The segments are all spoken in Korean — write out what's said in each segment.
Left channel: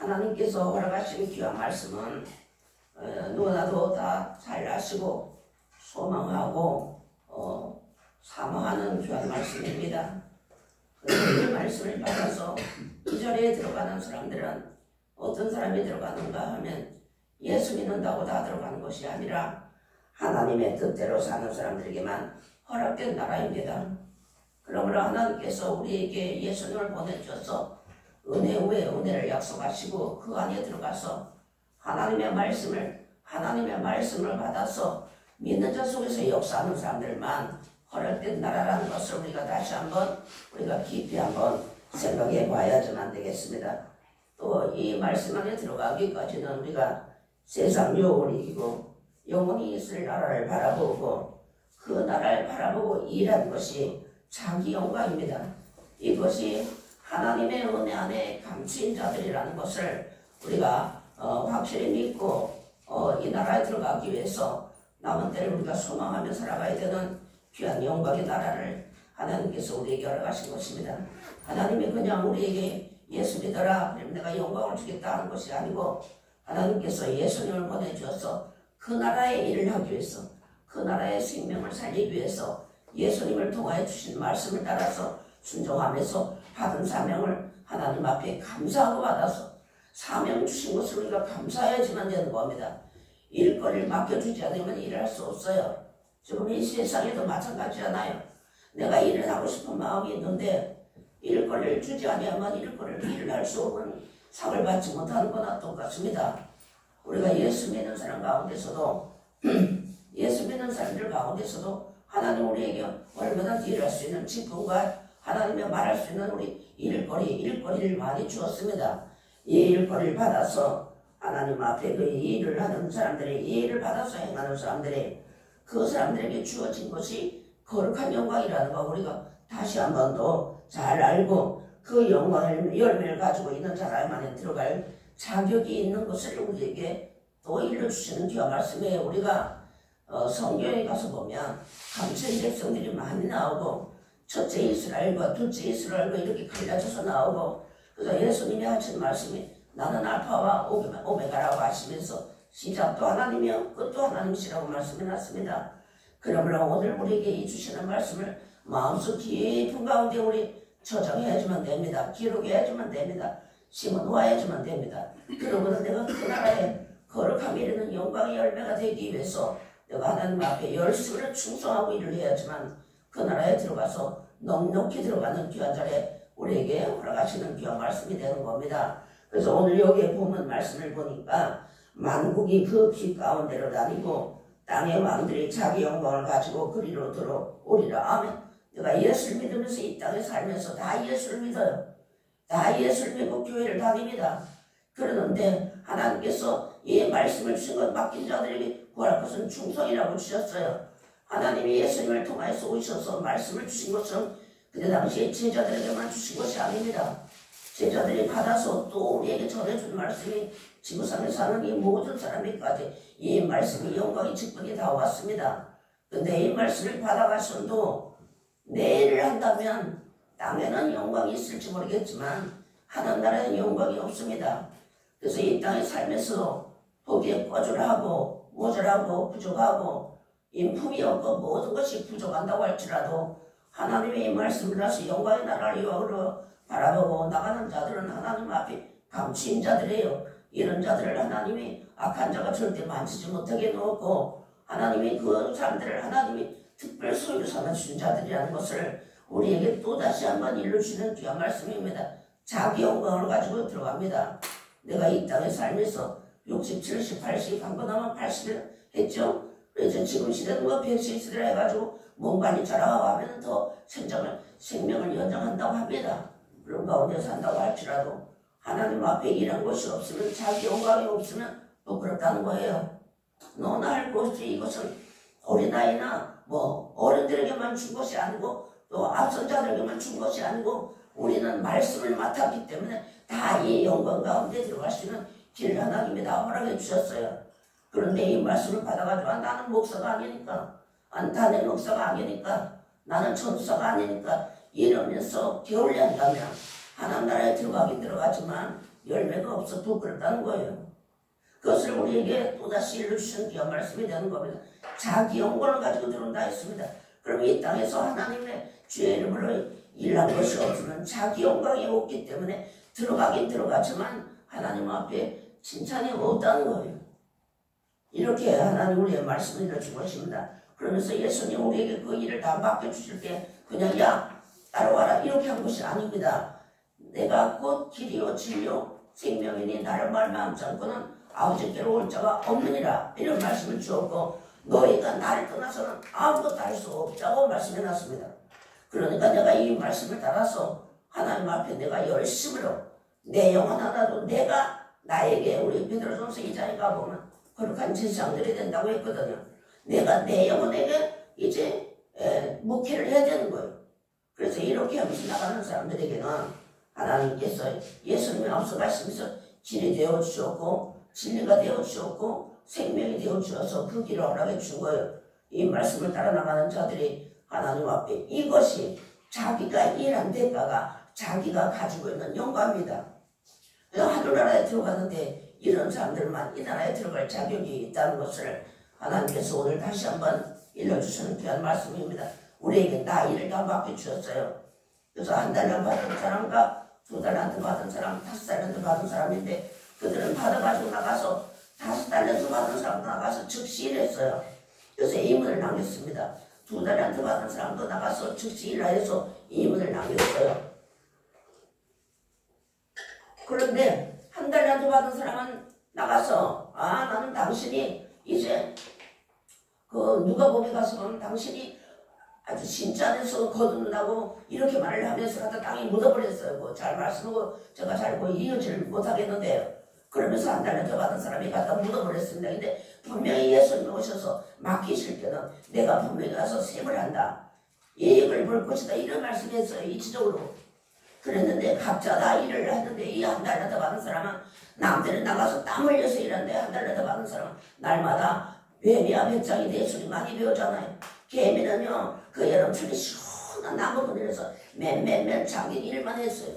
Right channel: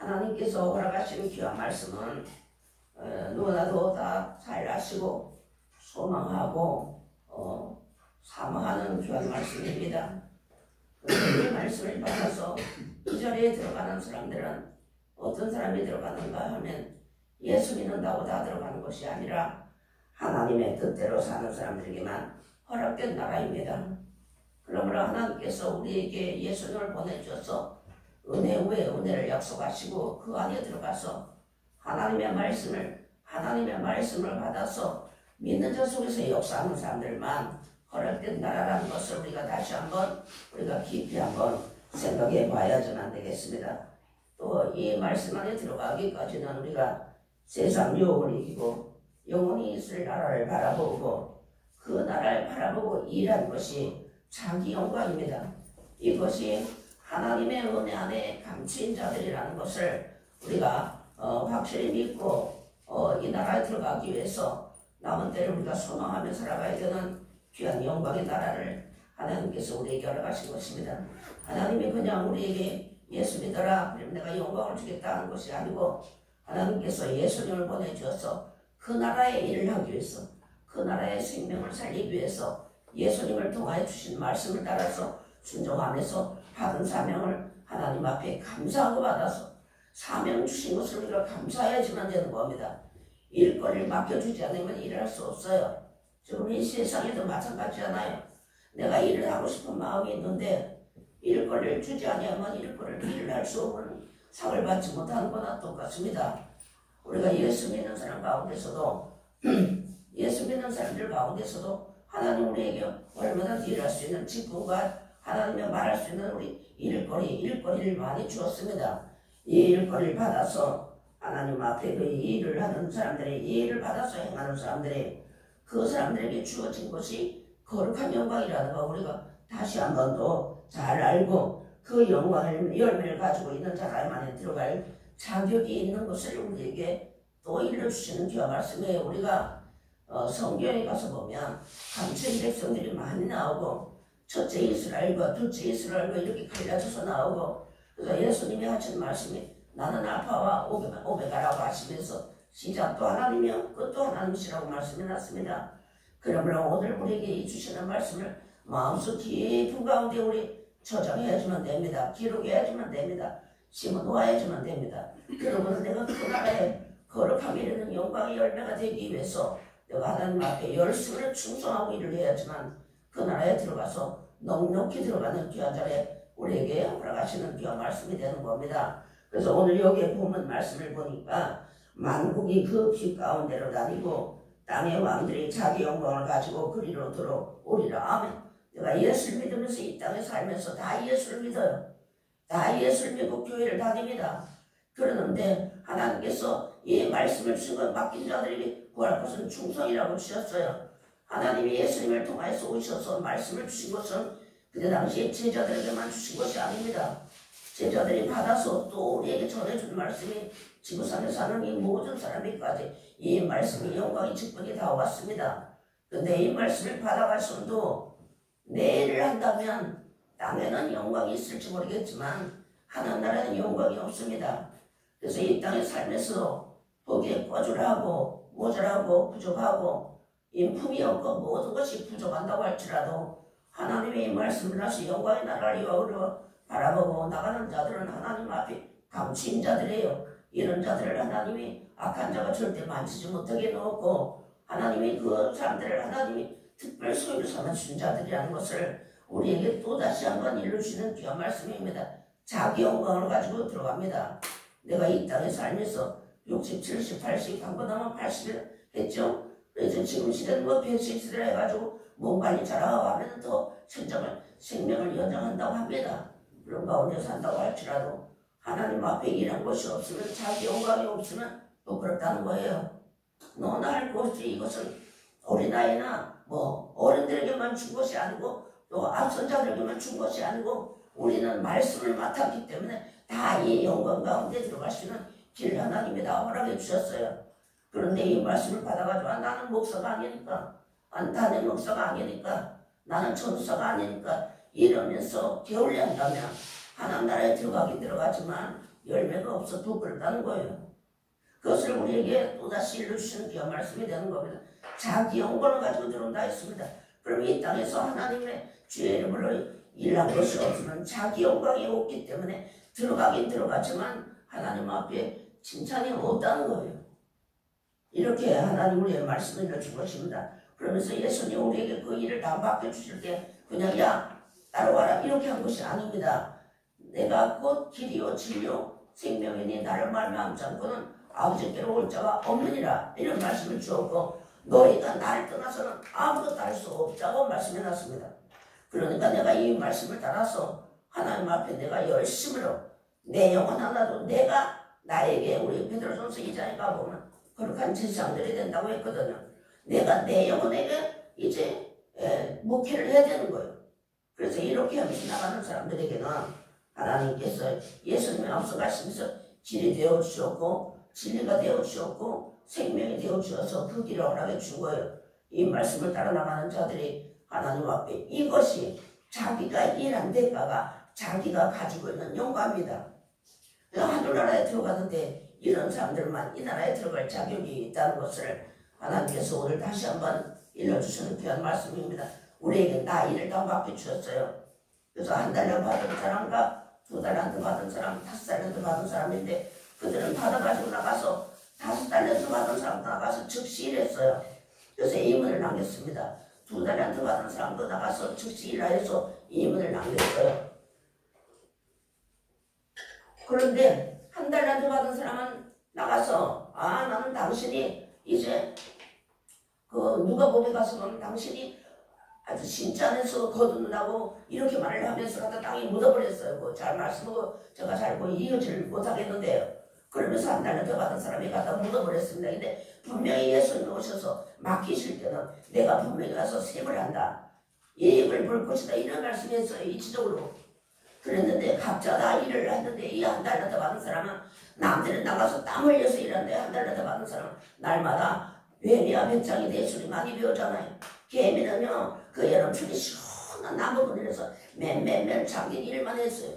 하나님께서 허락하신 귀한 말씀은 누구나도 다 잘 아시고 소망하고 사모하는 귀한 말씀입니다. 이 말씀을 받아서 이 자리에 들어가는 사람들은 어떤 사람이 들어가는가 하면 예수 믿는다고 다 들어가는 것이 아니라 하나님의 뜻대로 사는 사람들에게만 허락된 나라입니다. 그러므로 하나님께서 우리에게 예수님을 보내주셔서 은혜 위에 은혜를 약속하시고 그 안에 들어가서 하나님의 말씀을 받아서 믿는 자 속에서 역사하는 사람들만 허락된 나라라는 것을 우리가 다시 한번 우리가 깊이 한번 생각해 봐야지만 되겠습니다. 또 이 말씀 안에 들어가기까지는 우리가 세상 유혹을 이기고 영원히 있을 나라를 바라보고 그 나라를 바라보고 일하는 것이 자기 영광입니다. 이것이 하나님의 은혜 안에 감추인 자들이라는 것을 우리가 확실히 믿고 이 나라에 들어가기 위해서 남은 때를 우리가 소망하며 살아가야 되는 귀한 영광의 나라를 하나님께서 우리에게 허락하신 것입니다. 하나님이 그냥 우리에게 예수 믿어라 그러면 내가 영광을 주겠다 하는 것이 아니고 하나님께서 예수님을 보내주어서 그 나라의 일을 하기 위해서 그 나라의 생명을 살리기 위해서 예수님을 통하여 주신 말씀을 따라서 순종하면서 받은 사명을 하나님 앞에 감사하고 받아서 사명 주신 것을 우리가 감사해야지만 되는 겁니다. 일거리를 맡겨주지 않으면 일할 수 없어요. 지금 이 세상에도 마찬가지잖아요. 내가 일을 하고 싶은 마음이 있는데 일거리를 주지 않으면 일을 할 수 없는 상을 받지 못하는 거나 똑같습니다. 우리가 예수 믿는 사람 가운데서도 예수 믿는 사람들 가운데서도 하나님 우리에게 얼마나 일할 수 있는 직분과 하나님의 말할 수 있는 우리 일거리를 많이 주었습니다. 이 일거리를 받아서 하나님 앞에 그 일을 하는 사람들의 이 일을 받아서 행하는 사람들의 그 사람들에게 주어진 것이 거룩한 영광이라는 거 우리가 다시 한 번 더 잘 알고 그 영광을 열매를 가지고 있는 자라에만 들어갈 자격이 있는 것을 우리에게 또 일러주시는 귀한 말씀이에요. 우리가 성경에 가서 보면 감추인 백성들이 많이 나오고 첫째 이스라엘과 둘째 이스라엘과 이렇게 갈라져서 나오고 그래서 예수님이 하신 말씀이 나는 알파와 오메가라고 하시면서 시작도 하나님이요 끝도 하나님이시라고 말씀해놨습니다. 그러므로 오늘 우리에게 주시는 말씀을 마음속 깊은 가운데 우리 저장해야지만 됩니다. 기록해야지만 됩니다. 심어놓아야지만 됩니다. 그러면 내가 그 나라에 거룩함이 이르는 영광의 열매가 되기 위해서 내가 하나님 앞에 열심히 충성하고 일을 해야지만 그 나라에 들어가서 넉넉히 들어가는 귀한 자리에 우리에게 허락하시는 귀한 말씀이 되는 겁니다. 그래서 오늘 여기에 보면 말씀을 보니까 만국이 그 빛 가운데로 다니고 땅의 왕들이 자기 영광을 가지고 그리로 들어오리라. 아멘. 내가 예수를 믿으면서 이 땅에 살면서 다 예수를 믿어요. 다 예수를 믿고 교회를 다닙니다. 그러는데 하나님께서 이 말씀을 주신 것 맡긴 자들에게 구할 것은 충성이라고 주셨어요. 하나님이 예수님을 통해서 오셔서 말씀을 주신 것은 그때 당시에 제자들에게만 주신 것이 아닙니다. 제자들이 받아서 또 우리에게 전해준 말씀이 지구상에 사는 이 모든 사람에게까지 이 말씀이 영광의 직분이 다 왔습니다. 근데 이 말씀을 받아가서도 내 일을 한다면 땅에는 영광이 있을지 모르겠지만 하늘나라에는 영광이 없습니다. 그래서 이 땅에 살면서 보기에 꺼주하고 모자라고 부족하고 인품이 없고 모든 것이 부족한다고 할지라도 하나님의 이 말씀을 하시 영광의 나라를 이왕으로 바라보고 나가는 자들은 하나님 앞에 감추인 자들이에요. 이런 자들을 하나님이 악한 자가 절대 만지지 못하게 놓고 하나님이 그 사람들을 하나님이 특별 소유로 삼아주신 자들이라는 것을 우리에게 또다시 한번 일러주시는 귀한 말씀입니다. 자기 영광을 가지고 들어갑니다. 내가 이 땅에 살면서 60, 70, 80 한 번 하면 80을 했죠. 그래서 지금 시대는 뭐 100세를 해가지고 몸 많이 자라고 하면 더 생명을 연장한다고 합니다. 그런 가운데 산다고 할지라도 하나님 앞에 일한 것이 없으면 자기 영광이 없으면 부끄럽다는 거예요. 너나 할 것이 이것은 어린아이나 뭐 어른들에게만 준 것이 아니고 또 앞선 자들에게만 준 것이 아니고 우리는 말씀을 맡았기 때문에 다 이 영광 가운데 들어갈 수 있는 길을 하나님이 다 허락해 주셨어요. 그런데 이 말씀을 받아가지고 나는 목사가 아니니까 단임 목사가 아니니까 나는 전도사가 아니니까 이러면서 게을리 한다면 하나님 나라에 들어가긴 들어가지만 열매가 없어 부끄럽다는 거예요. 그것을 우리에게 또다시 일러주시는 귀한 말씀이 되는 겁니다. 자기 영광을 가지고 들어온다 했습니다. 그럼 이 땅에서 하나님의 주의 이름으로 일한 것이 없으면 자기 영광이 없기 때문에 들어가긴 들어가지만 하나님 앞에 칭찬이 없다는 거예요. 이렇게 하나님 우리의 말씀을 일러준 것입니다. 그러면서 예수님 우리에게 그 일을 다 맡겨주실 때 그냥 야 따라와라 이렇게 한 것이 아닙니다. 내가 곧 길이요 진리요 생명이니 나를 말미암지 않고는 아버지께로 올 자가 없느니라 이런 말씀을 주었고 너희가 나를 떠나서는 아무것도 할 수 없다고 말씀해놨습니다. 그러니까 내가 이 말씀을 따라서 하나님 앞에 내가 열심으로 내 영혼 하나도 내가 나에게 우리 베드로전서 2장에 가보면 거룩한 제사장들이 된다고 했거든요. 내가 내 영혼에게 이제 목회를 해야 되는 거예요. 그래서 이렇게 하면서 나가는 사람들에게는 하나님께서 예수님이 앞서가시면서 길이 되어 주셨고 진리가 되어 주셨고 생명이 되어 주셔서 그 길을 허락해 준 거예요. 이 말씀을 따라 나가는 자들이 하나님 앞에 이것이 자기가 일한 대가가 자기가 가지고 있는 영광입니다. 하늘나라에 들어가는데 이런 사람들만 이 나라에 들어갈 자격이 있다는 것을 하나님께서 오늘 다시 한번 일러주시는 귀한 말씀입니다. 우리에게 나이를 다 맡겨주셨어요. 그래서 한 달러 받은 사람과 2달란트 받은 사람, 5달란트 받은 사람인데 그들은 받아가지고 나가서 5달란트 받은 사람도 나가서 즉시 일했어요. 그래서 이문을 남겼습니다. 2달란트 받은 사람도 나가서 즉시 일하여서 이문을 남겼어요. 그런데 1달란트 받은 사람은 나가서 나는 당신이 이제 그 누가복음에 가서 보면 당신이 아주 신전에서 거둔다고 이렇게 말을 하면서 갖다 땅에 묻어버렸어요. 잘 말씀하고 제가 잘 이어지를 못하겠는데요. 그러면서 1달란트 받은 사람이 갖다 묻어버렸습니다. 근데 분명히 예수님이 오셔서 맡기실 때는 내가 분명히 가서 셈을 한다. 이익을 볼 것이다. 이런 말씀했어요. 이치적으로. 그랬는데 각자 다 일을 했는데 이 1달란트 받은 사람은 남들은 나가서 땀 흘려서 일하는데 1달란트 받은 사람은 날마다 뱀이야 배짱이 예수님 많이 배우잖아요. 개미는요 그 여름철에 시원한 나무 그늘에서 맨 자기 일만 했어요.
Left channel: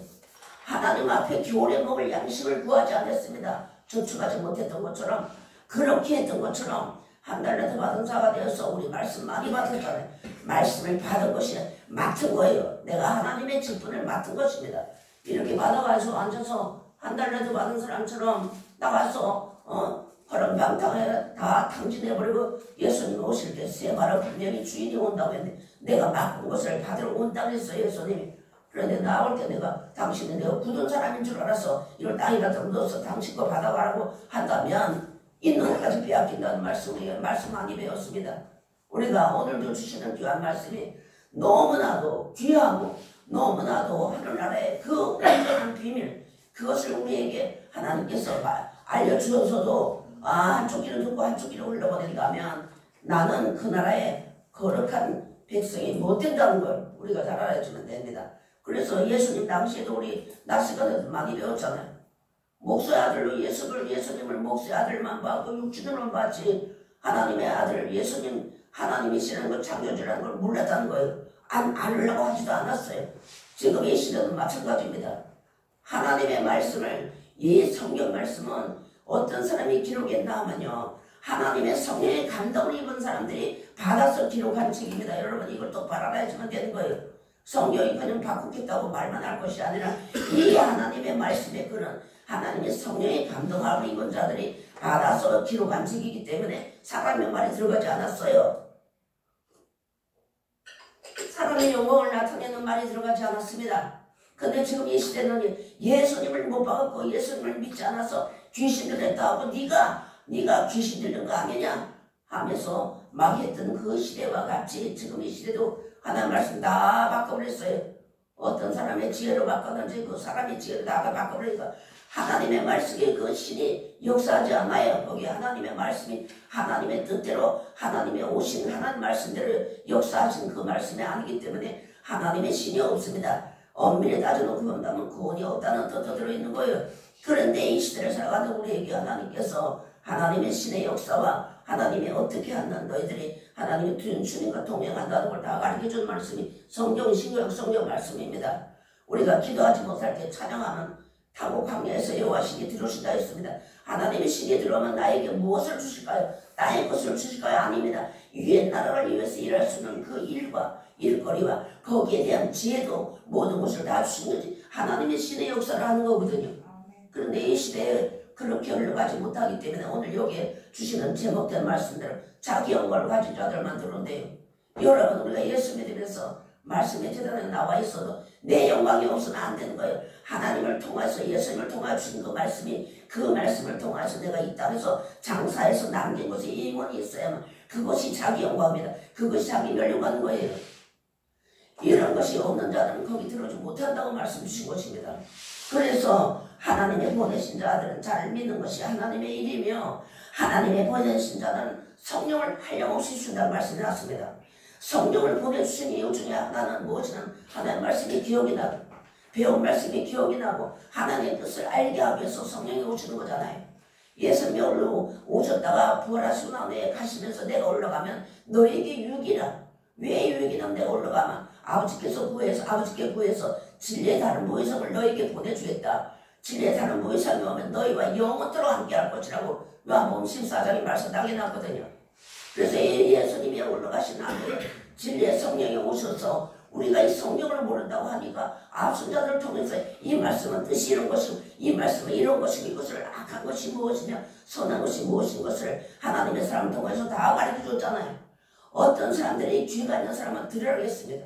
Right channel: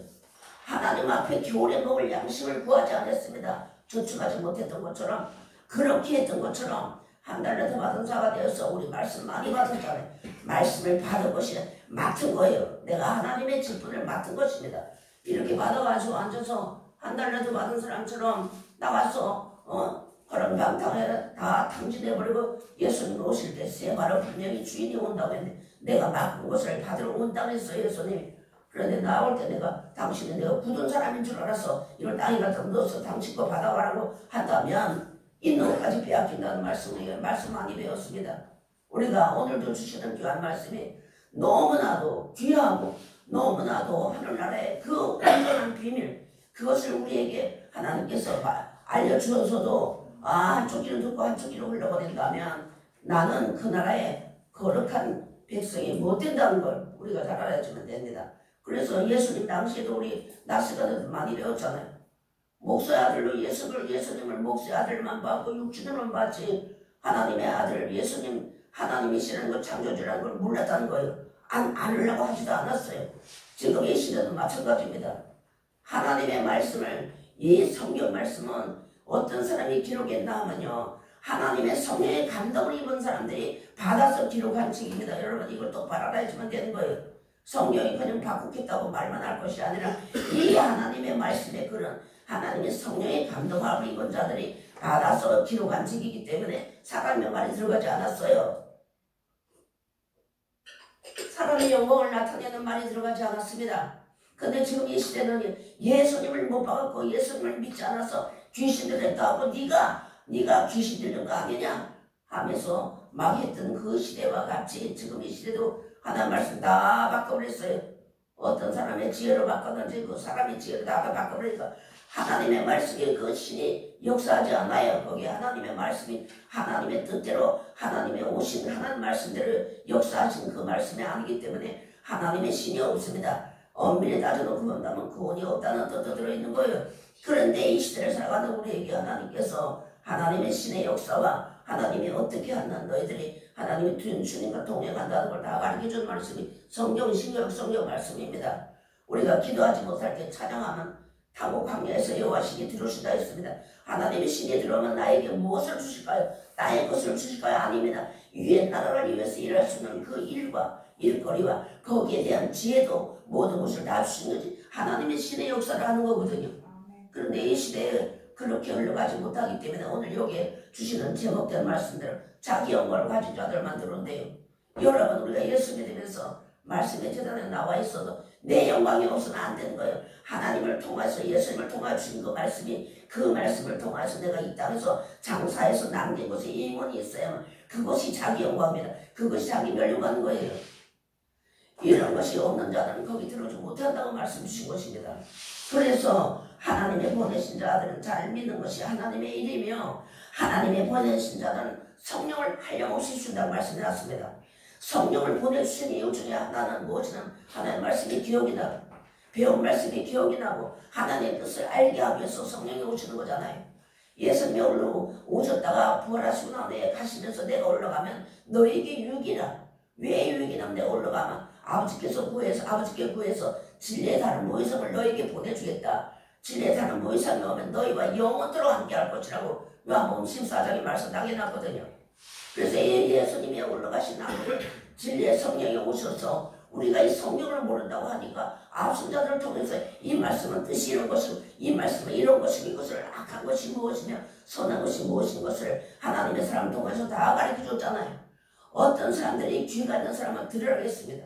하나님 앞에 겨울에 먹을 양식을 구하지 않았습니다. 저축하지 못했던 것처럼 그렇게 했던 것처럼 1달란트 받은 자가 되어서 우리 말씀 많이 받았잖아요. 말씀을 받은 것이 맡은 거예요. 내가 하나님의 직분을 맡은 것입니다. 이렇게 받아가지고 앉아서 1달란트 받은 사람처럼 나가서 허름방탕에 다 탕진해버리고 예수님 오실 때 세 발을 분명히 주인이 온다고 했는데 내가 맡은 것을 받으러 온다고 했어요. 예수님이. 그런데 나올 때 당신은 내가 굳은 사람인 줄 알아서 이걸 땅에 갖다 넣어서 당신 거 받아가라고 한다면 있는 것까지 빼앗긴다는 말씀을 말씀 많이 배웠습니다. 우리가 오늘도 주시는 귀한 말씀이 너무나도 귀하고 너무나도 하늘나라의 그 완전한 비밀 그것을 우리에게 하나님께서 알려주어서도 한쪽 길을 듣고 한쪽 길을 흘러보낸다면 나는 그 나라의 거룩한 백성이 못 된다는 걸 우리가 잘 알아주면 됩니다. 그래서 예수님 당시에도 우리 낮 시간에도 많이 배웠잖아요. 목수의 아들로 예수님을 목수의 아들만 받고 육신으로만 받지 하나님의 아들 예수님 하나님이시라는 걸 창조주라는 걸 몰랐다는 거예요. 안 하려고 하지도 않았어요. 지금 이 시대도 마찬가지입니다. 하나님의 말씀을 이 성경 말씀은 어떤 사람이 기록했나 하면요. 하나님의 성령의 감동을 입은 사람들이 받아서 기록한 책입니다. 여러분 이걸 똑바로 알아야지만 되는 거예요. 성령이 그냥 바꾸겠다고 말만 할 것이 아니라 이 하나님의 말씀에 그런 하나님의 성령의 감동을 입은 자들이 받아서 기록한 책이기 때문에 사람의 말이 들어가지 않았어요. 사람의 영광을 나타내는 말이 들어가지 않았습니다. 근데 지금 이 시대는 예수님을 못 받았고 예수님을 믿지 않아서 귀신 들렸다 하고 네가 귀신 들린 거 아니냐 하면서 막 했던 그 시대와 같이 지금 이 시대도 하나님 말씀 다 바꿔버렸어요. 어떤 사람의 지혜로 바꿨는지 그 사람의 지혜로 다 바꿔버리니까 하나님의 말씀에 그 신이 역사하지 않아요. 거기 하나님의 말씀이 하나님의 뜻대로 하나님의 오신 하나님 말씀대로 역사하신 그 말씀이 아니기 때문에 하나님의 신이 없습니다. 엄밀히 따져놓고 본다면 구원이 없다는 뜻도 들어있는 거예요. 그런데 이 시대를 살아가는 우리에게 하나님께서 하나님의 신의 역사와 하나님이 어떻게 하는 너희들이 하나님의 주님과 동행한다는 걸 다 가르쳐준 말씀이 성경 말씀입니다. 우리가 기도하지 못할 때 찬양하는 타고 광야에서 여호와 신이 들어오신다 했습니다. 하나님의 신이 들어오면 나에게 무엇을 주실까요? 땅의 것을 주실까요? 아닙니다. 위의 나라를 위해서 일할 수 있는 그 일과 일거리와 거기에 대한 지혜도 모든 것을 다 주신 거지. 하나님의 신의 역사를 하는 거거든요. 그런데 이 시대에 그렇게 흘러가지 못하기 때문에 오늘 여기에 주시는 제목된 말씀대로 자기 영광을 가진 자들만 들어온대요. 여러분, 우리가 예수 믿으면서 말씀의 재단에 나와 있어도 내 영광이 없으면 안 되는 거예요. 하나님을 통해서 예수님을 통해 주신 그 말씀을 통해서 내가 이 땅에서 장사해서 남긴 곳에 임원이 있어야만 그것이 자기 영광입니다. 그것이 자기 멸류관 거예요. 이런 것이 없는 자들은 거기 들어오지 못한다고 말씀 주신 것입니다. 그래서 하나님의 보내신 자들은 잘 믿는 것이 하나님의 일이며 하나님의 보내신 자들은 성령을 한량없이 주신다고 말씀해놨습니다. 성령을 보내주신 이유 중에 하나는 무엇이냐? 하나님의 말씀이 기억이 나고 배운 말씀이 기억이 나고 하나님의 뜻을 알게 하기 위해서 성령이 오시는 거잖아요. 예수님이 오셨다가 부활하시고 나서 가시면서 내가 올라가면 너에게 유익이라. 왜 유익이냐면 내가 올라가면 아버지께 구해서 진리의 다른 무의성을 너에게 보내주겠다. 진리의 다른 무의성이 오면 너희와 영원토록 함께할 것이라고 요한복음 14장에 말씀 당해놨거든요. 그래서 예수님이 올라가신 앞에 진리의 성령이 오셔서 우리가 이 성령을 모른다고 하니까 앞선 자들을 통해서 이 말씀은 뜻이 이런 것이고 이 말씀은 이런 것이고 이것을 악한 것이 무엇이며 선한 것이 무엇인 것을 하나님의 사람을 통해서 다 가르쳐줬잖아요. 어떤 사람들이 귀가 있는 사람은 들으라고 했습니다.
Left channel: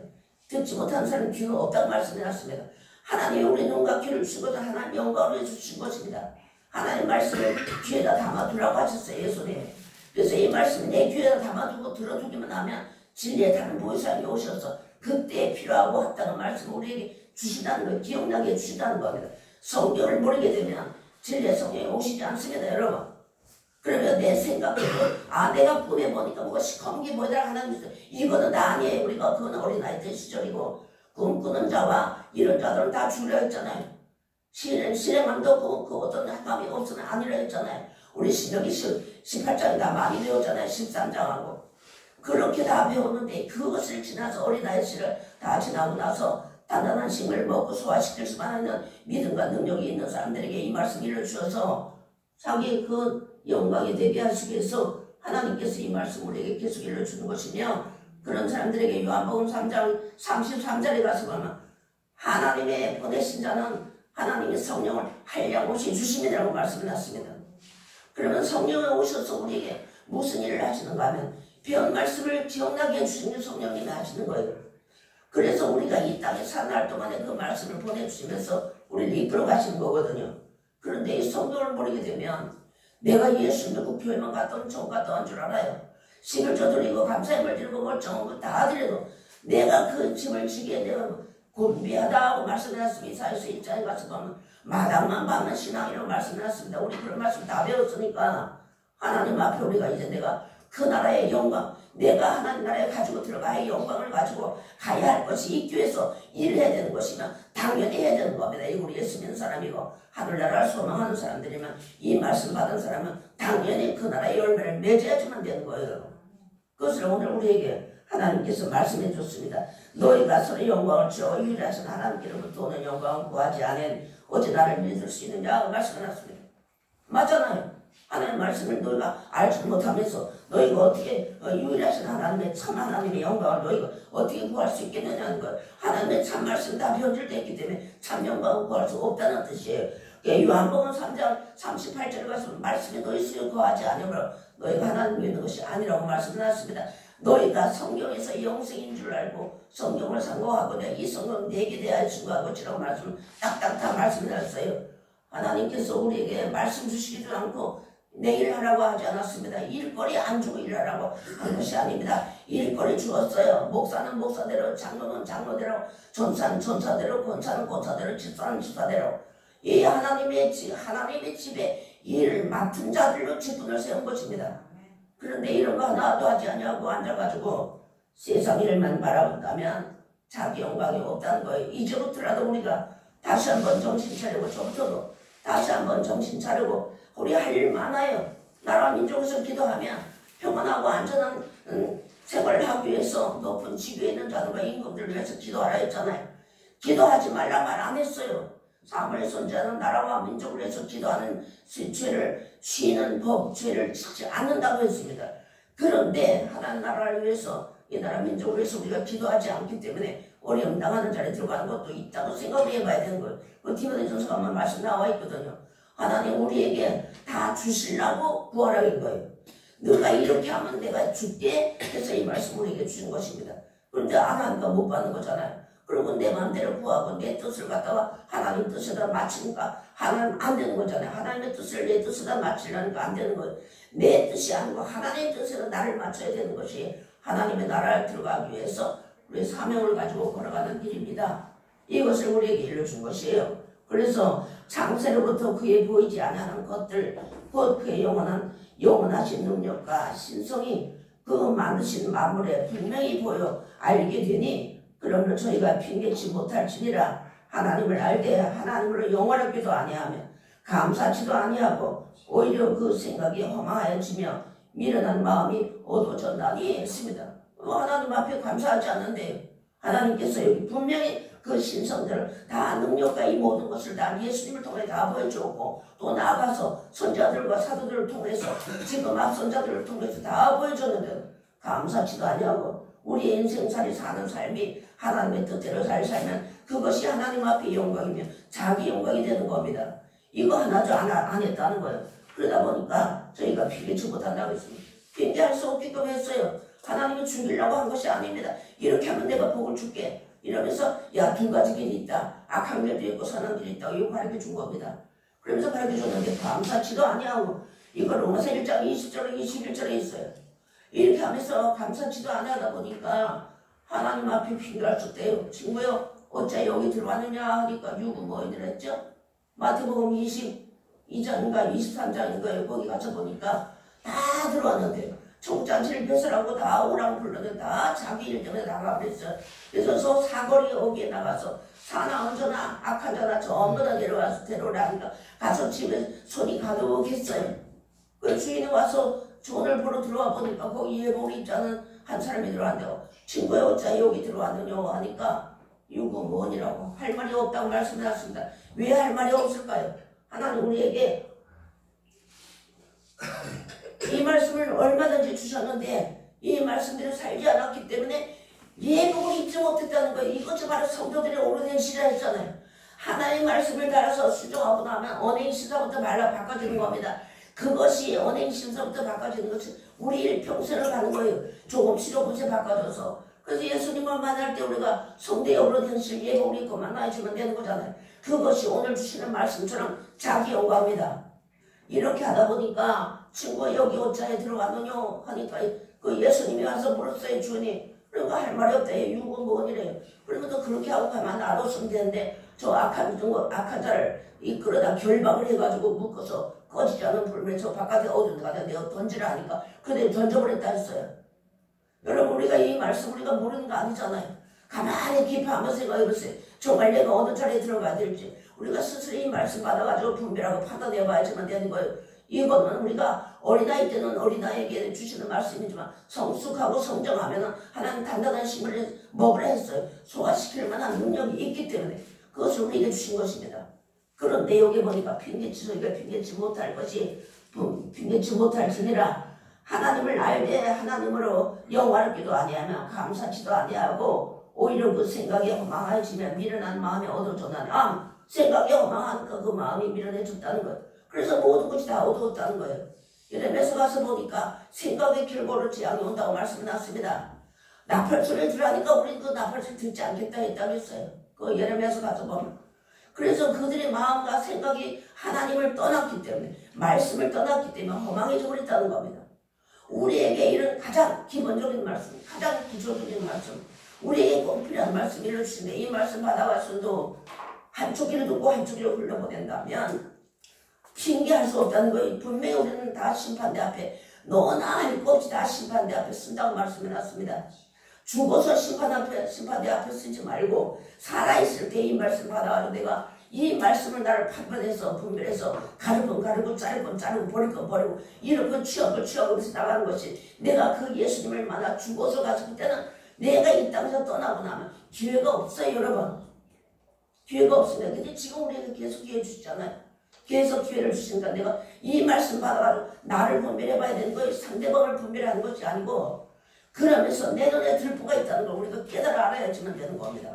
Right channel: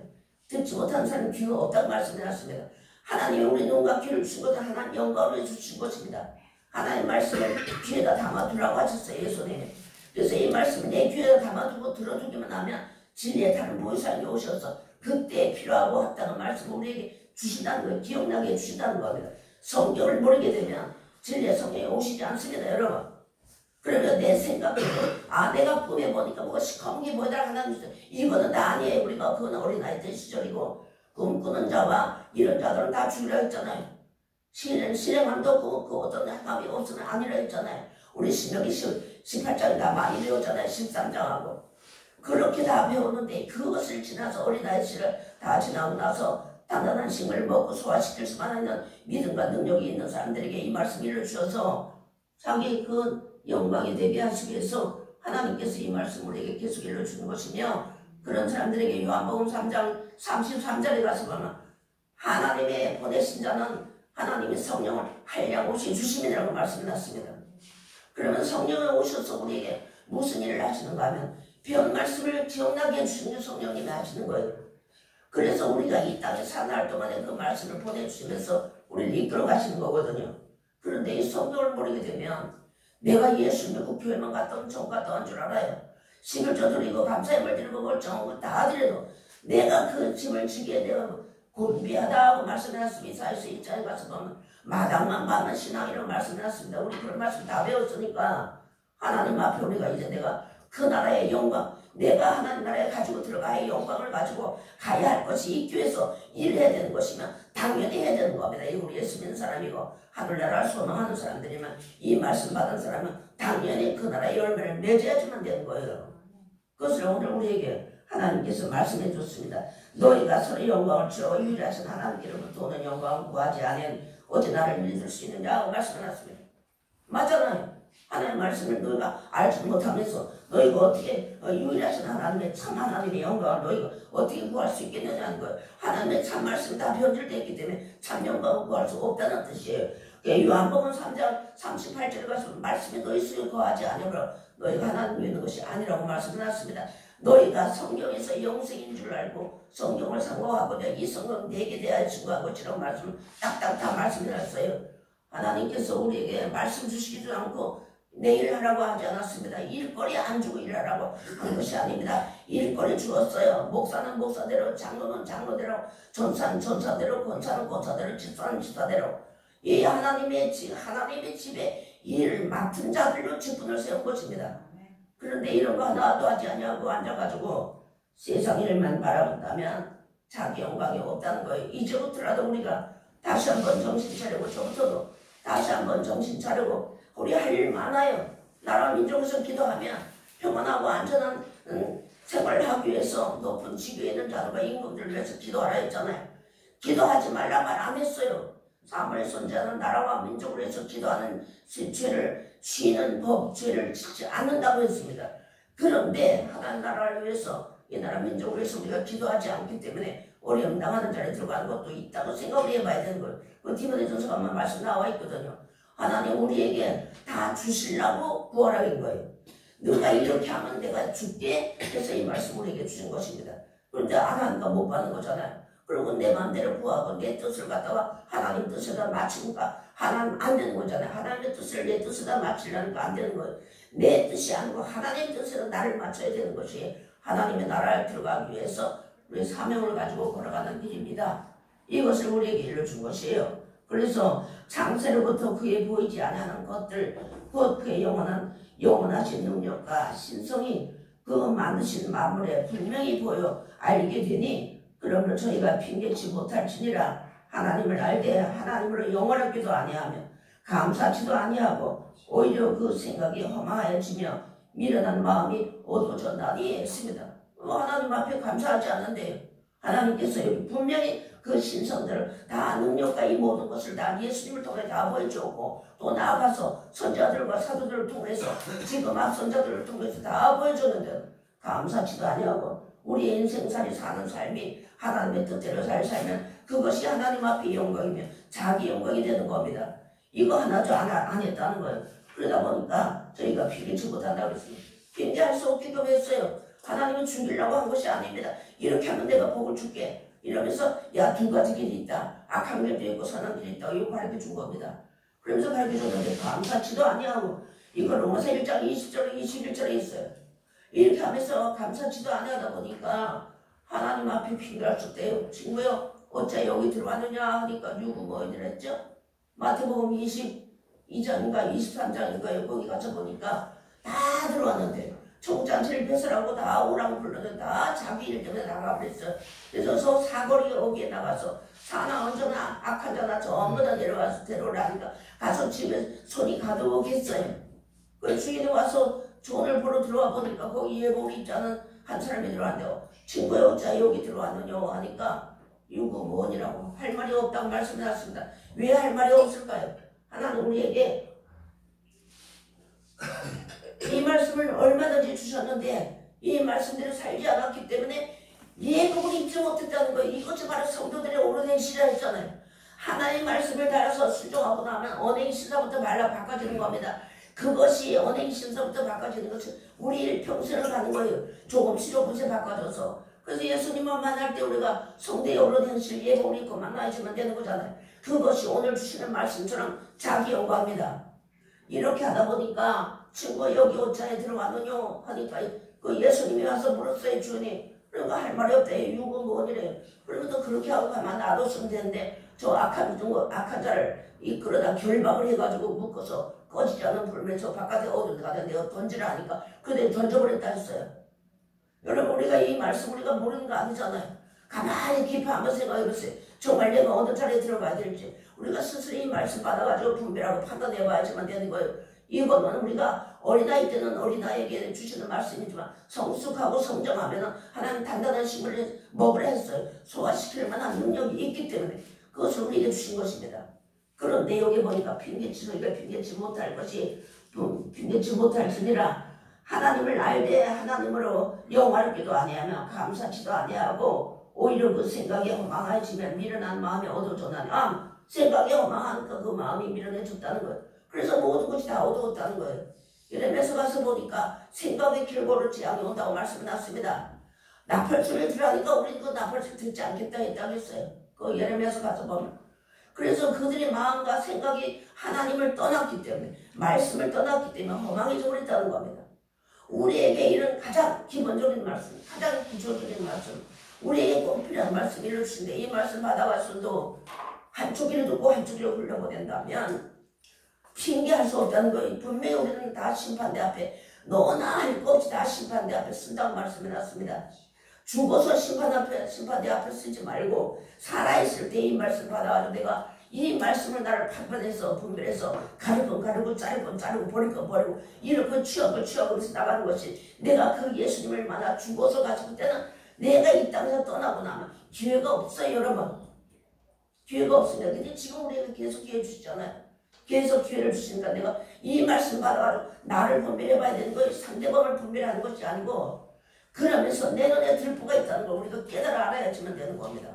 듣지 못하는 사람은 귀가 없다고 말씀해놨습니다. 하나님이 우리 눈과 귀를 주신 것은 하나님 영광을 위해서 주신 것입니다. 하나님 말씀을 귀에다 담아두라고 하셨어요. 예수님이. 그래서 이 말씀을 내 귀에다 담아두고 들어두기만 하면 진리의 다른 보혜사님이 오셔서 그때 필요하고 합당한 말씀을 우리에게 주신다는 거예요. 기억나게 해주신다는 겁니다. 성경을 모르게 되면 진리의 성령이 오시지 않습니다. 여러분. 그러면 내 생각도 내가 꿈에 보니까 뭐가 시커먼 게 뭐더라 하나님 주세요. 이거는 다 아니에요. 우리가 그건 어린아이 때 시절이고 꿈꾸는 자와 이런 자들은 다 죽으려 했잖아요. 실행함도 그 어떤 행함이 없으면 아니라 했잖아요. 우리 신명기 18장에 다 많이 배웠잖아요. 13장하고. 그렇게 다 배웠는데 그것을 지나서 어린아이 시를 다 지나고 나서 단단한 식을 먹고 소화시킬 수만 있는 믿음과 능력이 있는 사람들에게 이 말씀 일러주셔서 자기의 그 영광에 대비하시기 위해서 하나님께서 이 말씀을 우리에게 계속 일러주는 것이며 그런 사람들에게 요한복음 3장 33절에 가서 보면 하나님의 보내신 자는 하나님의 성령을 한량없이 주심이라고 말씀해놨습니다. 그러면 성령이 오셔서 우리에게 무슨 일을 하시는가 하면 배운 말씀을 기억나게 해주시는 성령님이 하시는 거예요. 그래서 우리가 이 땅에 사는 날 동안에 그 말씀을 보내주시면서 우리를 이끌어 가시는 거거든요. 그런데 이 성경을 모르게 되면 내가 예수 믿고 교회만 갔다 오면 종 갔다 온 줄 알아요. 식을 저드리고 감사함을 드리고 멀쩡한 거 다 드려도 내가 그 짐을 지기에 내가 곤비하다고 말씀해놨습니다. 이사야서 1장에 가서 보면 마당만 받는 신앙이라고 말씀해놨습니다. 우리 그런 말씀 다 배웠으니까 하나님 앞에 우리가 이제 내가 그 나라의 영광, 내가 하나님 나라에 가지고 들어가야 영광을 가지고 가야 할 것이 있기 위해서 일을 해야 되는 것이면 당연히 해야 되는 겁니다. 우리 예수 믿는 사람이고 하늘나라를 소망하는 사람들이면 이 말씀 받은 사람은 당연히 그 나라의 열매를 맺어야지만 되는 거예요. 그것을 오늘 우리에게 하나님께서 말씀해 줬습니다. 너희가 서로 영광을 주어 유일하신 하나님께로부터 오는 영광을 구하지 않은 어찌 나를 믿을 수 있느냐고 말씀해놨습니다. 맞잖아요. 하나님의 말씀을 너희가 알지 못하면서 너희가 어떻게 유일하신 하나님의 참 하나님의 영광을 너희가 어떻게 구할 수 있겠느냐는 거예요. 하나님의 참 말씀이 다 변질되어 있기 때문에 참 영광을 구할 수 없다는 뜻이에요. 요한복음 3장 38절에 가서 말씀이 너희 속에 거하지 않으므로 너희가 하나님 믿는 것이 아니라고 말씀해놨습니다. 너희가 성경에서 영생인 줄 알고 성경을 상고하고 이 성경 내게 대하여 증거하고 있지라고 말씀을 딱딱 다 말씀해놨어요. 하나님께서 우리에게 말씀 주시지도 않고 내 일하라고 하지 않았습니다. 일거리 안 주고 일하라고 한 것이 아닙니다. 일거리 주었어요. 목사는 목사대로, 장로는 장로대로, 전사는 전사대로, 권사는 권사대로, 집사는 집사대로 이 하나님의 집에 일을 맡은 자들로 직분을 세운 것입니다. 그런데 이런 거 하나도 하지 않냐고 앉아가지고 세상 일만 바라본다면 자기 영광이 없다는 거예요. 이제부터라도 우리가 다시 한번 정신 차리고 저부터도 다시 한번 정신 차리고 우리 할 일 많아요. 나라 민족에서 기도하면 평안하고 안전한 생활을 하기 위해서 높은 직위에 있는 자들과 임금들을 위해서 기도하라 했잖아요. 기도하지 말라 말 안 했어요. 사무엘 선지자는 나라와 민족을 위해서 기도하는 죄를 쉬는 법, 죄를 짓지 않는다고 했습니다. 그런데 하나님 나라를 위해서 이 나라 민족을 위해서 우리가 기도하지 않기 때문에 어려움 당하는 자리에 들어가는 것도 있다고 생각을 해봐야 되는 거예요. 그 디모데전서가 한번 말씀 나와 있거든요. 하나님 우리에게 다 주시려고 구하라는 거예요. 너가 이렇게 하면 내가 줄게 해서 이 말씀 우리에게 주신 것입니다. 그런데 안 하니까 못 받는 거잖아요. 그리고 내 마음대로 구하고 내 뜻을 갖다가 하나님 뜻에다 맞추니까 하나님 안 되는 거잖아요. 하나님의 뜻을 내 뜻에다 맞추려니까 안 되는 거예요. 내 뜻이 아니고 하나님의 뜻에다 나를 맞춰야 되는 것이 하나님의 나라에 들어가기 위해서 우리의 사명을 가지고 걸어가는 길입니다. 이것을 우리에게 일러준 것이에요. 그래서 창세로부터 그에 보이지 않는 것들, 곧 그의 영원하신 능력과 신성이 그 만드신 만물에 분명히 보여 알게 되니 그러므로 저희가 핑계치 못할지니라. 하나님을 알되 하나님으로 영원하기도 아니하며 감사치도 아니하고 오히려 그 생각이 허망하여지며 미련한 마음이 어두워졌나니 했습니다. 하나님 앞에 감사하지 않는데 하나님께서 여기 분명히 그 신성들을 다 능력과 이 모든 것을 다 예수님을 통해 다 보여주고 또 나아가서 선자들과 사도들을 통해서 지금 앞선자들을 통해서 다 보여줬는데 감사치도 아니하고 우리의 인생살이 사는 삶이 하나님의 뜻대로 살면 그것이 하나님 앞에 영광이며 자기 영광이 되는 겁니다. 이거 하나도 안 했다는 거예요. 그러다 보니까 저희가 핑계치 못한다고 했습니다. 핑계할 수 없기도 했어요. 하나님이 죽이려고 한 것이 아닙니다. 이렇게 하면 내가 복을 줄게. 이러면서 야, 두 가지 길이 있다. 악한 길도 있고 선한 길이 있다고 이거 가르쳐 준 겁니다. 그러면서 가르쳐 줬는데 감사치도 아니하고 이거 로마서 1장 20절에 21절에 있어요. 이렇게 하면서 감사치도 아니하다 보니까 하나님 앞에 핑계할 수 없대요. 친구요, 어째 여기 들어왔느냐 하니까 유고 뭐이들 했죠? 마태복음 22장인가 23장인가요? 거기 가서 보니까 다 들어왔는데 총잔치를 배설하고 다 오라고 불렀는데 다 자기 일 때문에 나가버렸어요. 그래서 저 사거리 어기에 나가서 사나 언저나 악한 자나 전부 다 데려와서 데려오라니까 가서 집에 손이 가득했어요. 그 주인이 와서 존을 보러 들어와 보니까 거기 예복을 입지 않은 한 사람이 들어왔는데 친구야 어째 여기 들어왔느냐 하니까 이거 뭐니라고 할 말이 없다고 말씀하셨습니다. 왜 할 말이 없을까요? 하나님 우리에게 이 말씀을 얼마든지 주셨는데 이 말씀대로 살지 않았기 때문에 예복을 입지 못했다는 거예요. 이것이 바로 성도들의 오래된 시라였잖아요. 하나님 말씀을 따라서 수정하고 나면 언행신사부터 말라 바꿔지는 겁니다. 그것이 언행신사부터 바꿔지는 것이 우리 일평생을 가는 거예요. 조금씩 바꿔줘서. 그래서 예수님을 만날 때 우리가 성도의 오래된 실 예복을 입고 만나주면 되는 거잖아요. 그것이 오늘 주시는 말씀처럼 자기 영광입니다. 이렇게 하다 보니까 친구가 여기 옷자에 들어왔느냐 하니까 그 예수님이 와서 물었어요. 주님 그러니까 할 말이 없다. 육은 뭐니래요. 그러면 또 그렇게 하고 가만 놔뒀으면 되는데 저 악한 자를 이끌어다 결박을 해가지고 묶어서 꺼지지 않은 불면에 저 바깥에 어두운 데 가다 내가 던지라 하니까 그대 던져버렸다 했어요. 여러분 우리가 이 말씀 우리가 모르는 거 아니잖아요. 가만히 깊이 한번 생각해보세요. 정말 내가 어느 자리에 들어가야 될지 우리가 스스로 이 말씀 받아가지고 분별하고 판단해봐야지만 되는 거예요. 이거는 우리가 어린아이 때는 어린아이에게 주시는 말씀이지만 성숙하고 성장하면 하나님 단단한 식물을 먹으라 했어요. 소화시킬 만한 능력이 있기 때문에 그것을 우리에게 주신 것입니다. 그런데 여기 보니까 핑계치 못할 것이 핑계치 못할지니라. 하나님을 알되 하나님으로 영화롭기도 아니하며 감사치도 아니하고 오히려 그 생각이 허망해지면 미련한 마음이 어두워졌나니 생각이 허망하니까 그 마음이 미련해졌다는 거예요. 그래서 모든 것이 다 어두웠다는 거예요. 예레미야서 가서 보니까 생각의 결과로 재앙이 온다고 말씀났습니다. 나팔소리를 들으니까 우리는 그 나팔소리 듣지 않겠다 했다고 했어요. 그 예레미야서 가서 보면. 그래서 그들의 마음과 생각이 하나님을 떠났기 때문에 말씀을 떠났기 때문에 허망해져 버렸다는 겁니다. 우리에게 이런 가장 기본적인 말씀, 가장 기초적인 말씀, 우리에게 꼭 필요한 말씀 일러주신데 이 말씀 받아가서도 한쪽 귀로 듣고 한쪽 귀로 흘려보낸다면 핑계할 수 없다는 거예요. 분명히 우리는 다 심판대 앞에 너나 할 것 없이 다 심판대 앞에 쓴다고 말씀해놨습니다. 죽어서 심판대 앞에 쓰지 말고 살아있을 때 이 말씀 받아가지고 내가 이 말씀을 나를 판단해서 분별해서 가를 건 가르고 자를 건 자르고 버릴 건 버리고 이렇게 취업을 해서 나가는 것이 내가 그 예수님을 만나 죽어서 가서 그때는 내가 이 땅에서 떠나고 나면 기회가 없어요. 여러분 기회가 없습니다. 근데 지금 우리에게 계속 기회 주시잖아요. 계속 기회를 주시니까 내가 이 말씀 받아가지고 나를 분별해봐야 되는 거예요. 상대방을 분별하는 것이 아니고 그러면서 내 눈에 들보가 있다는 걸 우리가 깨달아 알아야지만 되는 겁니다.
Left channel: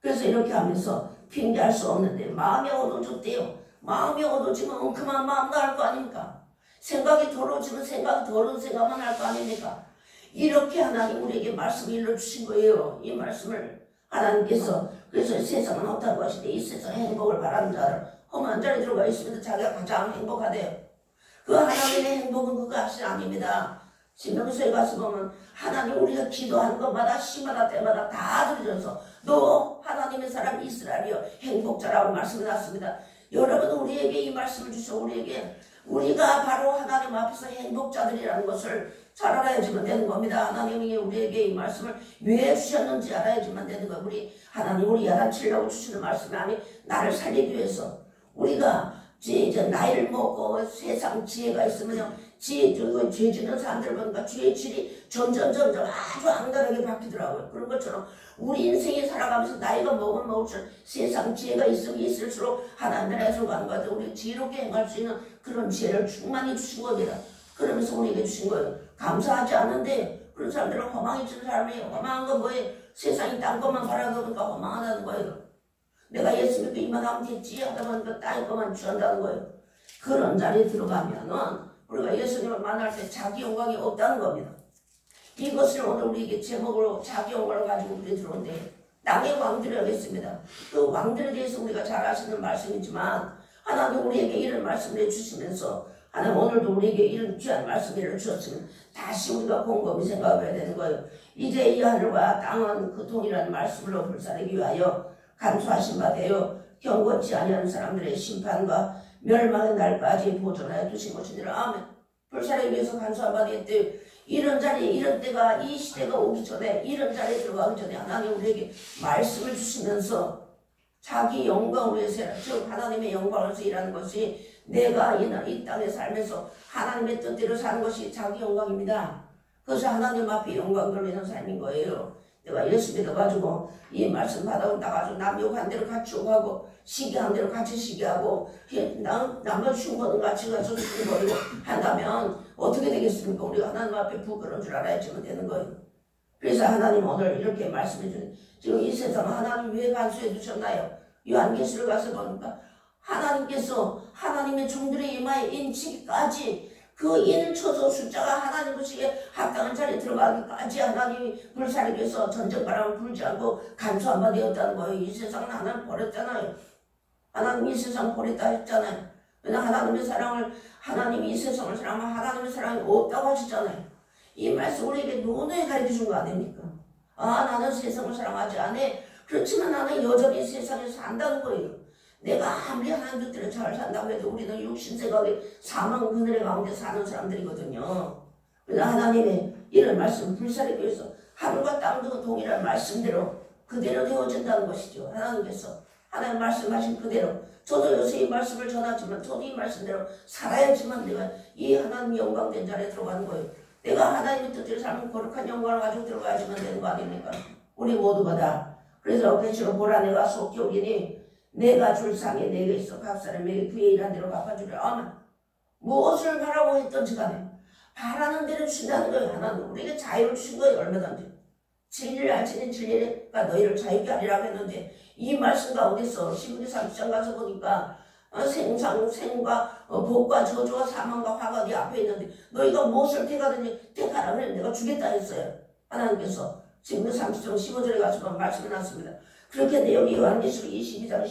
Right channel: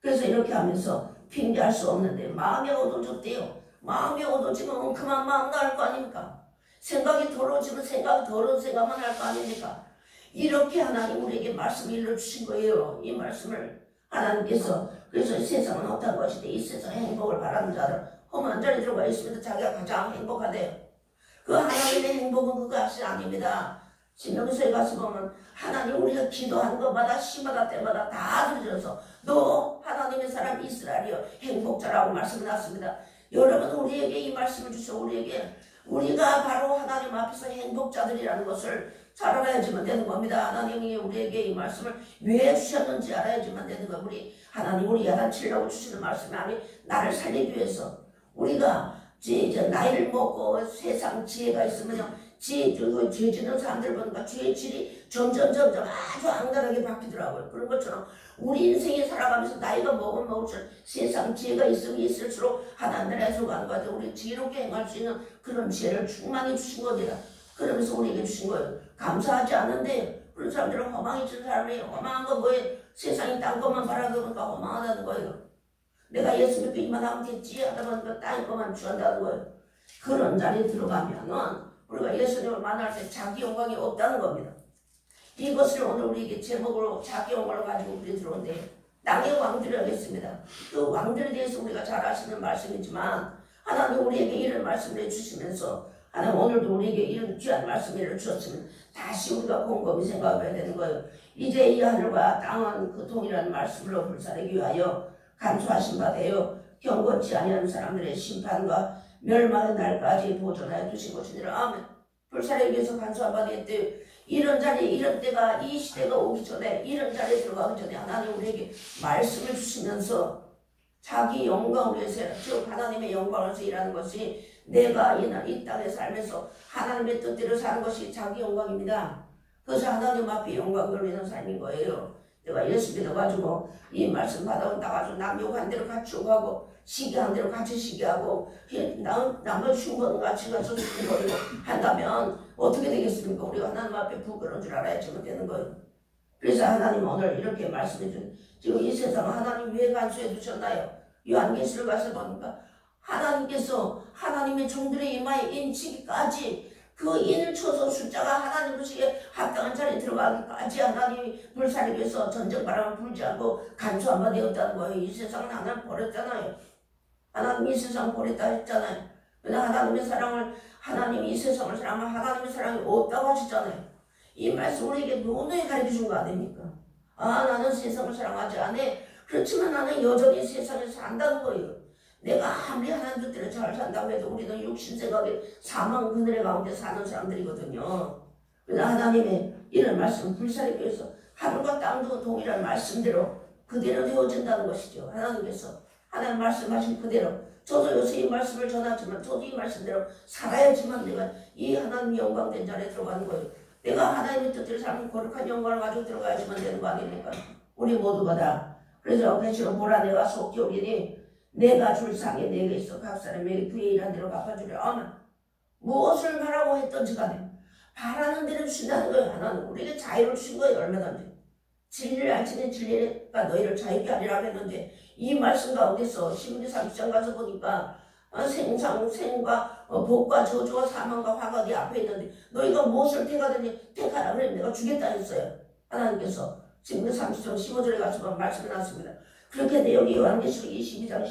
그래서 이렇게 하면서 핑계할 수 없는데 마음이 어두워졌대요. 마음이 어두워지면 그만 마음 나을 거 아닙니까? 생각이 더러워지면 생각이 더러운 생각만 할 거 아닙니까? 이렇게 하나님 우리에게 말씀을 일러주신 거예요. 이 말씀을 하나님께서. 그래서 세상은 어떤 것인데 이 세상 행복을 바라는 자들 험한 자리 들어가 있으면 자기가 가장 행복하대요. 그 하나님의 행복은 그거 하신 아닙니다. 신명기서에 가서 보면 하나님 우리가 기도하는 것마다 시마다 때마다 다 들어줘서 너 하나님의 사람 이스라엘이여 행복자라고 말씀을 놨습니다. 여러분 우리에게 이 말씀을 주셔 우리에게 우리가 바로 하나님 앞에서 행복자들이라는 것을 잘 알아야지만 되는 겁니다. 하나님이 우리에게 이 말씀을 왜 주셨는지 알아야지만 되는 거예요. 우리 하나님 우리 야단치려고 주시는 말씀이 아니 나를 살리기 위해서 우리가 이제 나이를 먹고 세상 지혜가 있으면요 죄 짓는 사람들 보니까 죄의 질이 점점 아주 악랄하게 바뀌더라고요. 그런 것처럼 우리 인생에 살아가면서 나이가 먹으면 먹을수록 세상 지혜가 있으면 있을수록 하나님 나라에 들어가는 것 같아요. 우리 지혜롭게 행할 수 있는 그런 지혜를 충만히 주신 겁니다. 그러면서 우리에게 주신 거예요. 감사하지 않는데 그런 사람들은 허망해지는 사람이에요. 허망한 건 뭐예요? 세상이 딴 것만 바라다 보니까 허망하다는 거예요. 내가 예수 믿고 이만하면 됐지 하다 보니까 딴 것만 취한다는 거예요. 그런 자리에 들어가면은 우리가 예수님을 만날 때 자기 영광이 없다는 겁니다. 이것을 오늘 우리에게 제목으로 자기 영광을 가지고 우리 들어오는데 낙의 왕들이 하겠습니다. 그 왕들에 대해서 우리가 잘 아시는 말씀이지만 하나님 우리에게 이런 말씀을 해주시면서 하나님 오늘도 우리에게 이런 귀한 말씀을 주셨으면 다시 우리가 곰곰이 생각해야 되는 거예요. 이제 이 하늘과 땅은 그통이라는 말씀으로 불사르기 위하여 간수하신 바 되어 경건치 아니하는 사람들의 심판과 멸망의 날까지 보존하여 두신 것이니라. 아멘. 불사르기 위해서 간수한 바 되었대요. 이런 자리에 이런 때가 이 시대가 오기 전에 이런 자리에 들어가기 전에 하나님 우리에게 말씀을 주시면서 자기 영광을 위해서 즉 하나님의 영광을 위해서 일하는 것이 내가 이 땅에 살면서 하나님의 뜻대로 사는 것이 자기 영광입니다. 그래서 하나님 앞에 영광 돌리는 삶인 거예요. 내가 예수 믿어가지고 이 말씀 받아가지고 남 욕한 대로 같이 욕하고 시기한 대로 같이 시기하고 남은 흉보는 같이 가서 흉보는 한다면 어떻게 되겠습니까? 우리가 하나님 앞에 부끄러운 줄 알아야지만 되는 거예요. 그래서 하나님 오늘 이렇게 말씀해 주는 지금 이 세상 하나님 왜 간수해 두셨나요? 요한계시를 가서 보니까 하나님께서 하나님의 종들의 이마에 인치기까지 그 인을 쳐서 숫자가 하나님 보시기에 합당한 자리에 들어가기까지 하나님이 불사르기 위해서 전쟁바람을 불지 않고 간수한 바 되었다는 거예요. 이 세상은 하나님 버렸잖아요. 하나님이 이 세상 버렸다 했잖아요. 왜냐 하나님의 사랑을 하나님이 이 세상을 사랑하면 하나님의 사랑이 없다고 하셨잖아요. 이 말씀 우리에게 노노히 가르쳐 준 거 아닙니까? 아 나는 세상을 사랑하지 않아. 그렇지만 나는 여전히 세상에 산다는 거예요. 내가 아무리 하나님 뜻대로 잘 산다고 해도 우리는 육신생각에 사망 그늘의 가운데 사는 사람들이거든요. 그래서 하나님의 이런 말씀을 불사르기 위해서 하늘과 땅도 동일한 말씀대로 그대로 되어진다는 것이죠. 하나님께서 하나님 말씀하신 그대로 저도 요새 이 말씀을 전하지만 저도 이 말씀대로 살아야지만 내가 이 하나님 영광된 자리에 들어가는 거예요. 내가 하나님의 뜻대로 살면 거룩한 영광을 가지고 들어가야지만 되는 거 아닙니까? 우리 모두가 다. 그래서 계시록 보라 내가 속히 오리니 내가 줄 상에 내게 있어 각 사람에게 그의 일한 대로 갚아주려. 아멘. 무엇을 바라고 했던지 간에 바라는 대로 주신다는 거예요. 하나님 우리에게 자유를 주신 거예요. 얼마든지 진리를 알지는 진리가 너희를 자유케 하리라고 했는데 이 말씀 가운데서 신명기 30장 가서 보니까 생과 복과 저주와 사망과 화가 네 앞에 있는데 너희가 무엇을 택하든지 택하라 그래 내가 주겠다 했어요. 하나님께서 신명기 30장 15절에 가서 말씀해 놨습니다. 그렇게 내용이 요한계시록 22장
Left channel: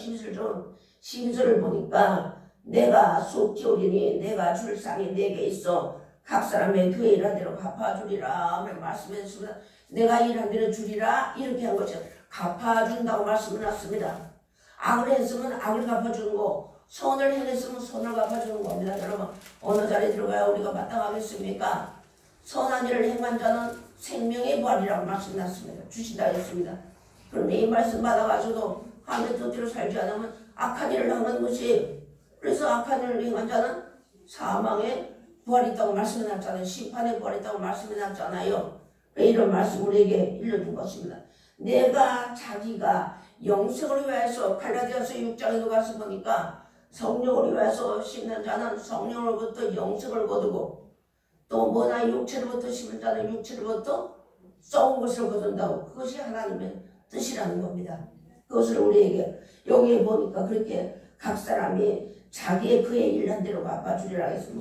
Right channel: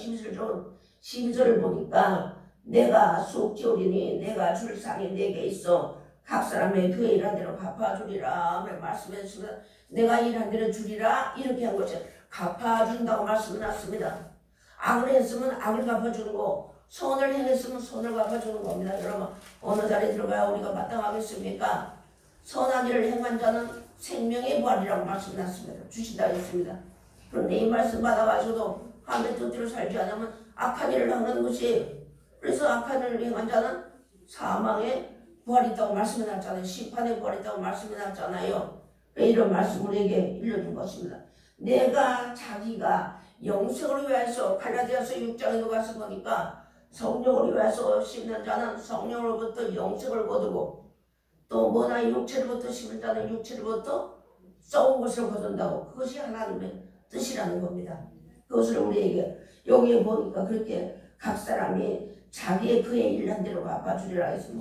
12절을 보니까 내가 속히 오리니 내가 줄 상이 내게 있어 각 사람의 그의 일한 대로 갚아주리라 말씀해 주셨습니다. 내가 일한 대로 주리라 이렇게 한 것이 갚아준다고 말씀을 놨습니다. 악을 했으면 악을 갚아주는 거 선을 행했으면 선을 갚아주는 겁니다. 여러분 어느 자리에 들어가야 우리가 마땅하겠습니까? 선한 일을 행한 자는 생명의 부활이라고 말씀났습니다. 주신다 했습니다. 그런데 이 말씀 받아가지고도 하나님의 뜻대로 살지 않으면 악한 일을 하는 것이에요. 그래서 악한 일을 행한 자는 사망의 부활이 있다고 말씀해놨잖아요. 심판의 부활이 있다고 말씀해놨잖아요. 이런 말씀 우리에게 일러준 것입니다. 내가 자기가 영생을 위하여서 갈라디아서 6장에 가서 보니까 성령을 위하여서 심는 자는 성령으로부터 영생을 거두고 또 뭐나 육체로부터 심는 자는 육체로부터 썩은 것을 거둔다고. 그것이 하나님의 뜻이라는 겁니다. 그것을 우리에게 여기에 보니까 그렇게 각 사람이 자기의 그의 일한 대로 갚아주리라 해서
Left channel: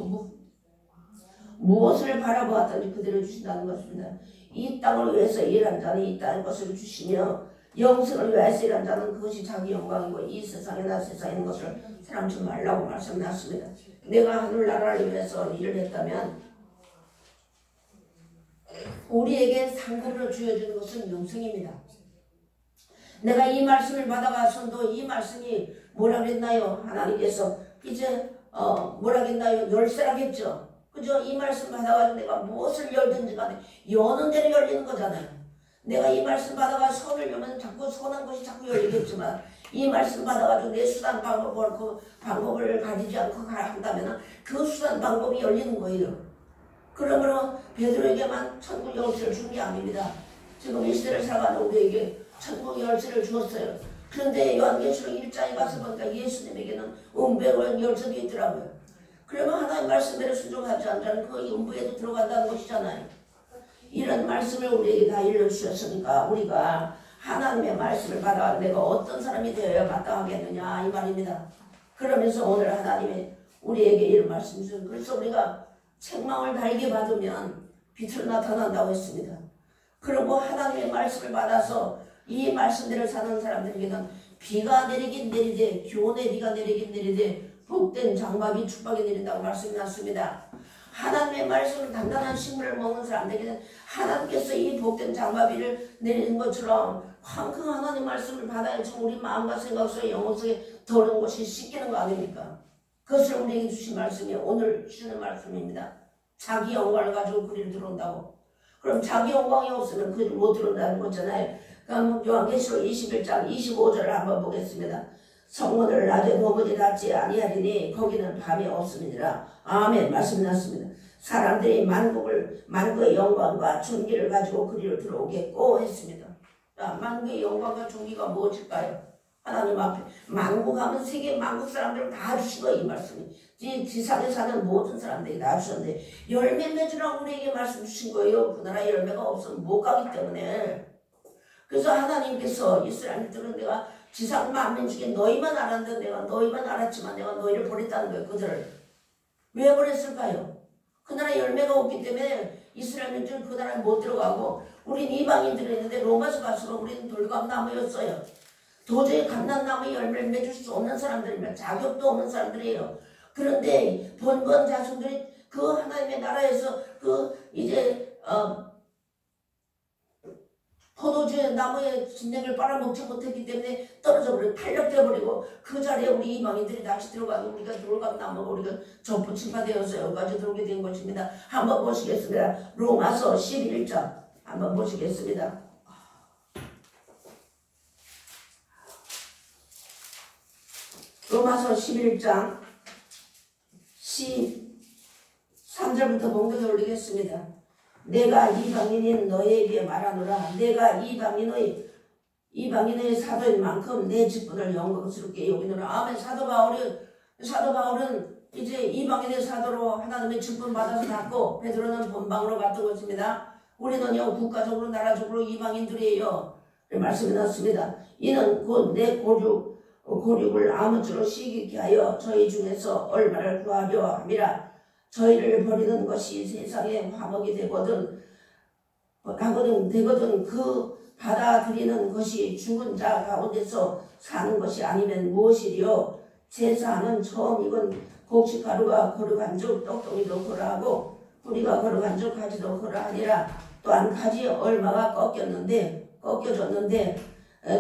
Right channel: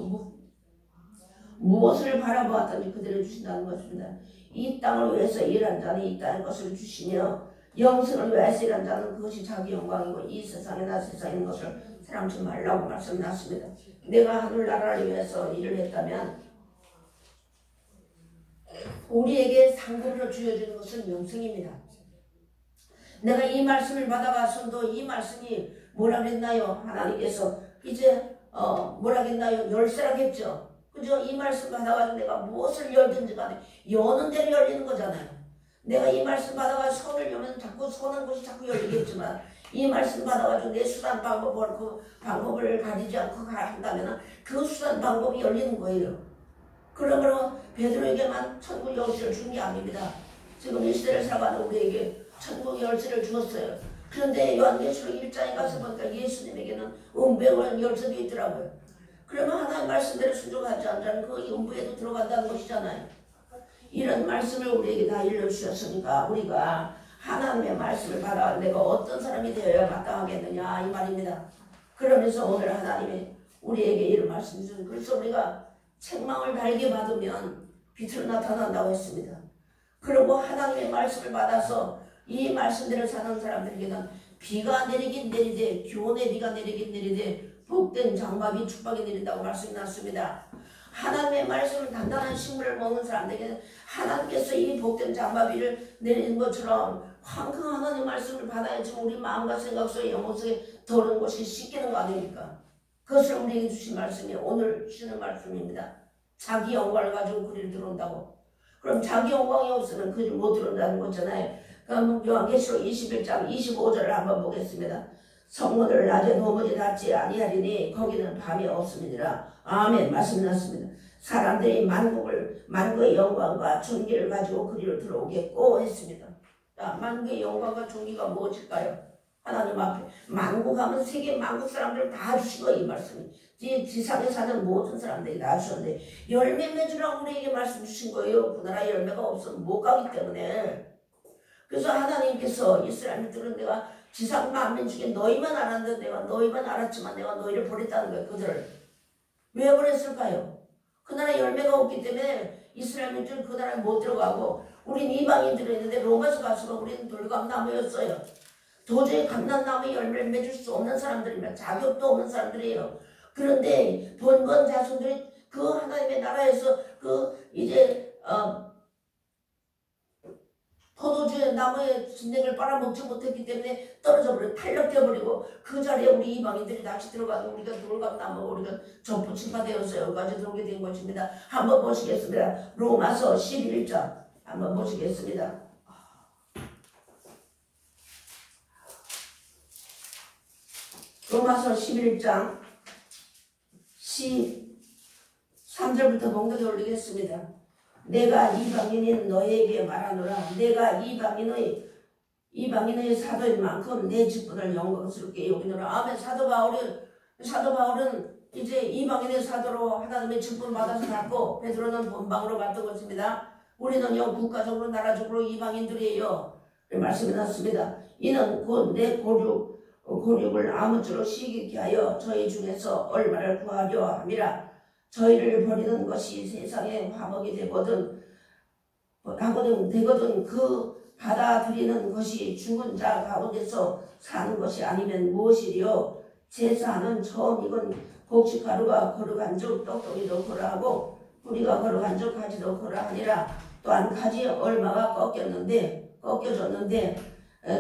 무엇을 바라보았든지 그대로 주신다는 것입니다. 이 땅을 위해서 일한 자는 이 땅의 것을 주시며 영생을 위해서 일한 자는 그것이 자기 영광이고 이 세상에나 세상에 있는 것을 사랑치 말라고 말씀났습니다. 내가 하늘나라를 위해서 일을 했다면 우리에게 상급으로 주어지는 것은 영생입니다. 내가 이 말씀을 받아가서도 이 말씀이 뭐라 그랬나요? 하나님께서 이제 뭐라 그랬나요? 열쇠라겠죠. 그죠? 이 말씀 받아가지고 내가 무엇을 열든지 간에 여는 대로 열리는 거잖아요. 내가 이 말씀 받아가지고 손을 열면 자꾸 손한 것이 자꾸 열리겠지만 이 말씀 받아가지고 내 수단 방법을 그 방법을 가지지 않고 한다면 그 수단 방법이 열리는 거예요. 그러므로 베드로에게만 천국 열쇠를 준 게 아닙니다. 지금 이 시대를 살아가는 우리에게 천국 열쇠를 주었어요. 그런데 요한계시록 1장에 가서 보니까 예수님에게는 음배라는 열쇠도 있더라고요. 그러면 하나님 말씀대로 순종하지 않자는 그 음부에도 들어간다는 것이잖아요. 이런 말씀을 우리에게 다 일러주셨으니까 우리가 하나님의 말씀을 받아 내가 어떤 사람이 되어야 마땅하겠느냐 이 말입니다. 그러면서 오늘 하나님이 우리에게 이런 말씀 주셨어요. 그래서 우리가 책망을 달게 받으면 빛으로 나타난다고 했습니다. 그리고 하나님의 말씀을 받아서 이 말씀대로 사는 사람들에게는 비가 내리긴 내리되 교훈의 비가 내리긴 내리되 복된 장막이 축복이 내린다고 말씀이 났습니다. 하나님의 말씀을 단단한 식물을 먹는 사람들에게는 하나님께서 이 복된 장마비를 내리는 것처럼 황금 하나님 말씀을 받아야지 우리 마음과 생각 속에 영혼 속에 더러운 것이 씻기는 거 아닙니까? 그것을 우리에게 주신 말씀이 오늘 주시는 말씀입니다. 자기 영광을 가지고 그리로 들어온다고. 그럼 자기 영광이 없으면 그리 못 들어온다는 거잖아요. 그럼 요한계시록 21장 25절을 한번 보겠습니다. 성문을 낮에 도무지 닫지 아니하리니 거기는 밤이 없음이니라. 아멘. 말씀 났습니다. 사람들이 만국의 영광과 존귀를 가지고 그리로 들어오겠고 했습니다. 자, 만국의 영광과 존귀가 무엇일까요? 하나님 앞에 만국하면 세계 만국 사람들을 다 주신 거예요. 이 말씀이 지상에 사는 모든 사람들이 다 주셨는데 열매 맺으라고 우리에게 말씀 주신 거예요. 그 나라 열매가 없으면 못 가기 때문에. 그래서 하나님께서 이스라엘들은 내가 지상 만민 중에 너희만 알았는데 내가 너희만 알았지만 내가 너희를 버렸다는 거예요. 그들을 왜 버렸을까요? 그 나라 열매가 없기 때문에 이스라엘 민족은 그 나라에 못 들어가고 우린 이방인들이 있는데 로마서 가서는 우리는 돌감나무였어요. 도저히 감람나무의 열매를 맺을 수 없는 사람들이면 자격도 없는 사람들이에요. 그런데 번번 자손들이 그 하나님의 나라에서 그 이제 포도주 나무의 진액을 빨아먹지 못했기 때문에 떨어져버리고 탈락되어버리고 그 자리에 우리 이방인들이 다시 들어가서 우리가 돌감나무가 우리가 전부침파 되어서 여기까지 들어오게 된 것입니다. 한번 보시겠습니다. 로마서 11장 한번 보시겠습니다. 로마서 11장 13절부터 공격에 올리겠습니다. 내가 이방인인 너에게 말하노라. 내가 이방인의 사도인 만큼 내 직분을 영광스럽게 여기노라. 아멘. 사도 바울은 이제 이방인의 사도로 하나님의 직분 받아서 갔고 베드로는 본방으로 갔다고 했습니다. 우리는요 국가적으로 나라적으로 이방인들이에요. 말씀이 났습니다. 이는 곧 내 고륙을 아무쪼록 시기케 하여 저희 중에서 얼마를 구하려 함이라. 저희를 버리는 것이 세상에 화목이 되거든 그 받아들이는 것이 죽은 자 가운데서 사는 것이 아니면 무엇이리요. 제사는 처음 익은 곡식가루가 거룩한 즉 떡덩이도 거라하고 뿌리가 거룩한 즉 가지도 거라하니라. 또한 가지 얼마가 꺾여졌는데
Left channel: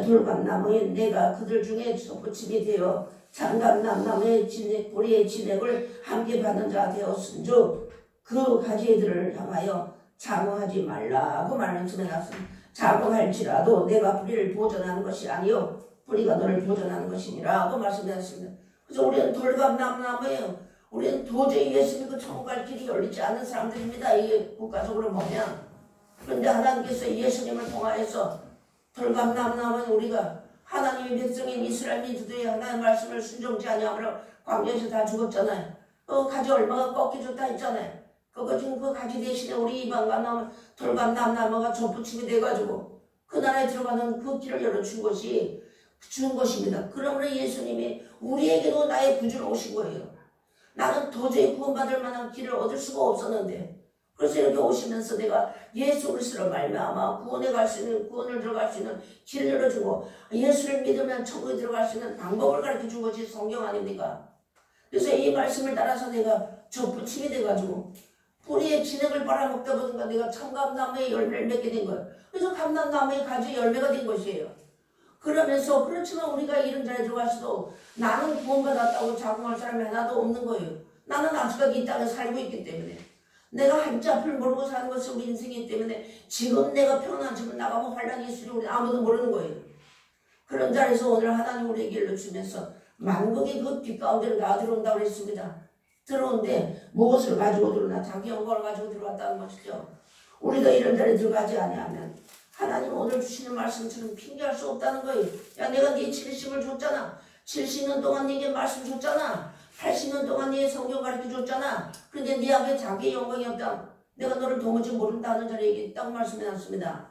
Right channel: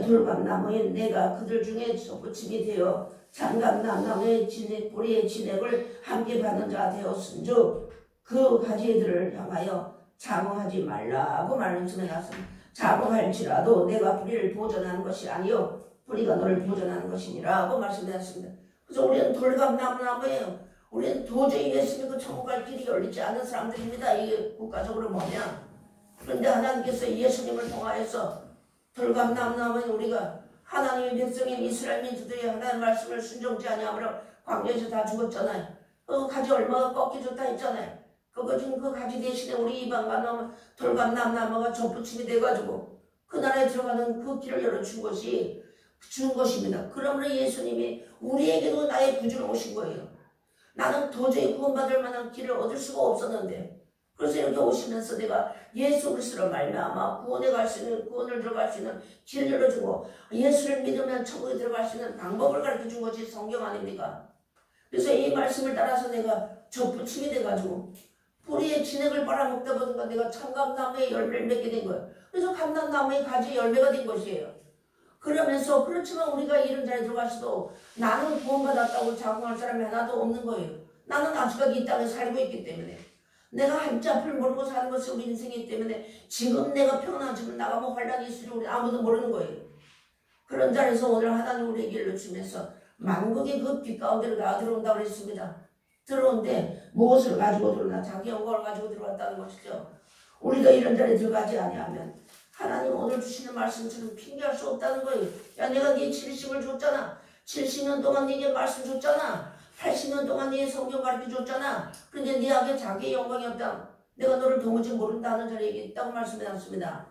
돌감나무인 내가 그들 중에 접붙임이 되어 장감나무의 뿌리의 진액을 함께 받는 자 되었은즉 그 가지들을 향하여 장어하지 말라고 말씀해 놨습니다. 장어할지라도 내가 뿌리를 보존하는 것이 아니요 뿌리가 너를 보존하는 것이니라고 말씀해 놨습니다. 그래서 우리는 돌감나무예요. 우리는 도저히 예수 믿고 천국 갈 길이 열리지 않는 사람들입니다. 이게 국가적으로 보면. 그런데 하나님께서 예수님을 통하여서 돌감나무는 우리가 하나님의 백성인 이스라엘 민족들이 하나님의 말씀을 순종치 아니하므로 광야에서 다 죽었잖아요. 가지 얼마가 꺾기 좋다 했잖아요. 지금 그 가지 대신에 우리 이방과 돌감 남나무가 접붙임이 돼가지고 그 나라에 들어가는 그 길을 열어준 것입니다. 그러므로 예수님이 우리에게도 나의 구주로 오신 거예요. 나는 도저히 구원받을 만한 길을 얻을 수가 없었는데, 그래서 이렇게 오시면서 내가 예수 그리스도로 말미암아 구원을 들어갈 수 있는 길을 열어주고, 예수를 믿으면 천국에 들어갈 수 있는 방법을 가르쳐준 것이 성경 아닙니까? 그래서 이 말씀을 따라서 내가 접붙임이 돼가지고 뿌리의 진액을 빨아먹다 보니까 내가 참감나무의 열매를 맺게 된 거예요. 그래서 감람나무의 가지 열매가 된 것이에요. 그러면서 그렇지만 우리가 이런 자리에 들어가서도 나는 구원받았다고 자긍할 사람이 하나도 없는 거예요. 나는 아직까지 이 땅에 살고 있기 때문에, 내가 한치 앞을 모르고 사는 것이 우리 인생이기 때문에 지금 내가 평안하지만 나가면 환란이 있으니 우리 아무도 모르는 거예요. 그런 자리에서 오늘 하나님 우리에게 일러주면서 만국이 그 빛 가운데로 다 들어온다고 했습니다. 들어온데 무엇을 가지고 들어오나? 자기 영광을 가지고 들어왔다는 것이죠. 우리가 이런 자리에 들어가지 아니하면 하나님 오늘 주시는 말씀처럼 핑계할 수 없다는 거예요. 야, 내가 네 70을 줬잖아. 70년 동안 네게 말씀 줬잖아. 80년 동안 네 성경 가르쳐 줬잖아. 그런데 네에게 자기 영광이 없다. 내가 너를 도무지 모른다는 자리에 있다고 말씀해놨습니다.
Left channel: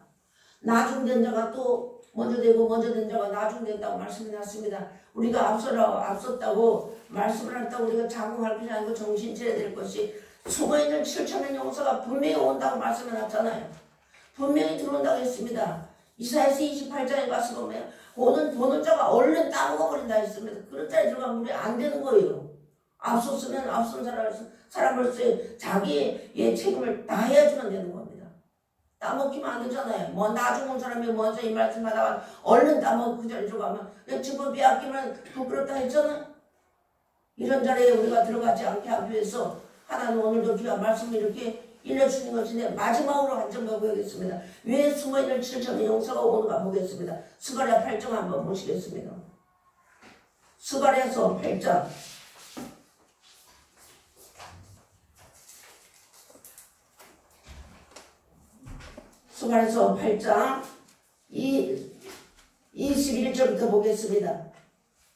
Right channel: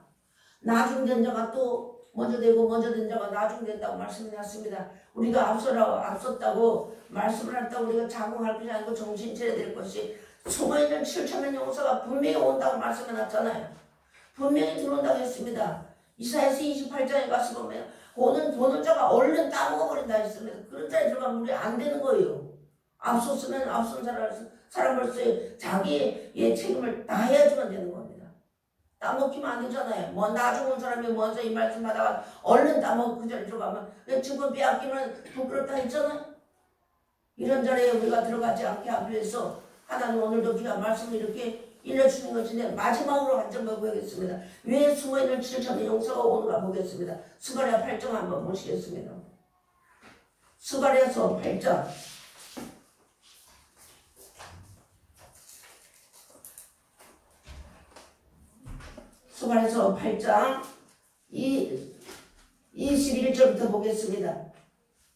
나중된 자가 또 먼저 되고 먼저 된 자가 나중된다고 말씀해놨습니다. 우리가 앞섰다고 말씀을 했다고 우리가 자긍할 것이 아니고 정신 차려야 될 것이 숨어있는 7천년 용사가 분명히 온다고 말씀해놨잖아요. 분명히 들어온다고 했습니다. 이사야서 28장에 가서 보면 보는 자가 얼른 따먹어버린다 했습니다. 그런 자리에 들어가면 우리 안 되는 거예요. 앞섰으면 앞선 사람으로서의 자기의 책임을 다 해야지만 되는 겁니다. 따먹기만 안 되잖아요. 나 죽은 사람이 먼저 이 말씀 받아가 얼른 따먹고 그 자리에 들어가면 지금 빼앗기면 부끄럽다 했잖아요. 이런 자리에 우리가 들어가지 않게 하기 위해서 하나님 오늘도 귀한 말씀을 이렇게 일러주는 것인데, 마지막으로 한 점 보겠습니다. 왜 숨어있는 7천의 용사가 오는가 보겠습니다. 스가랴 8장 한번 보시겠습니다. 스가랴서 8장. 스가랴서 8장 21절부터 보겠습니다.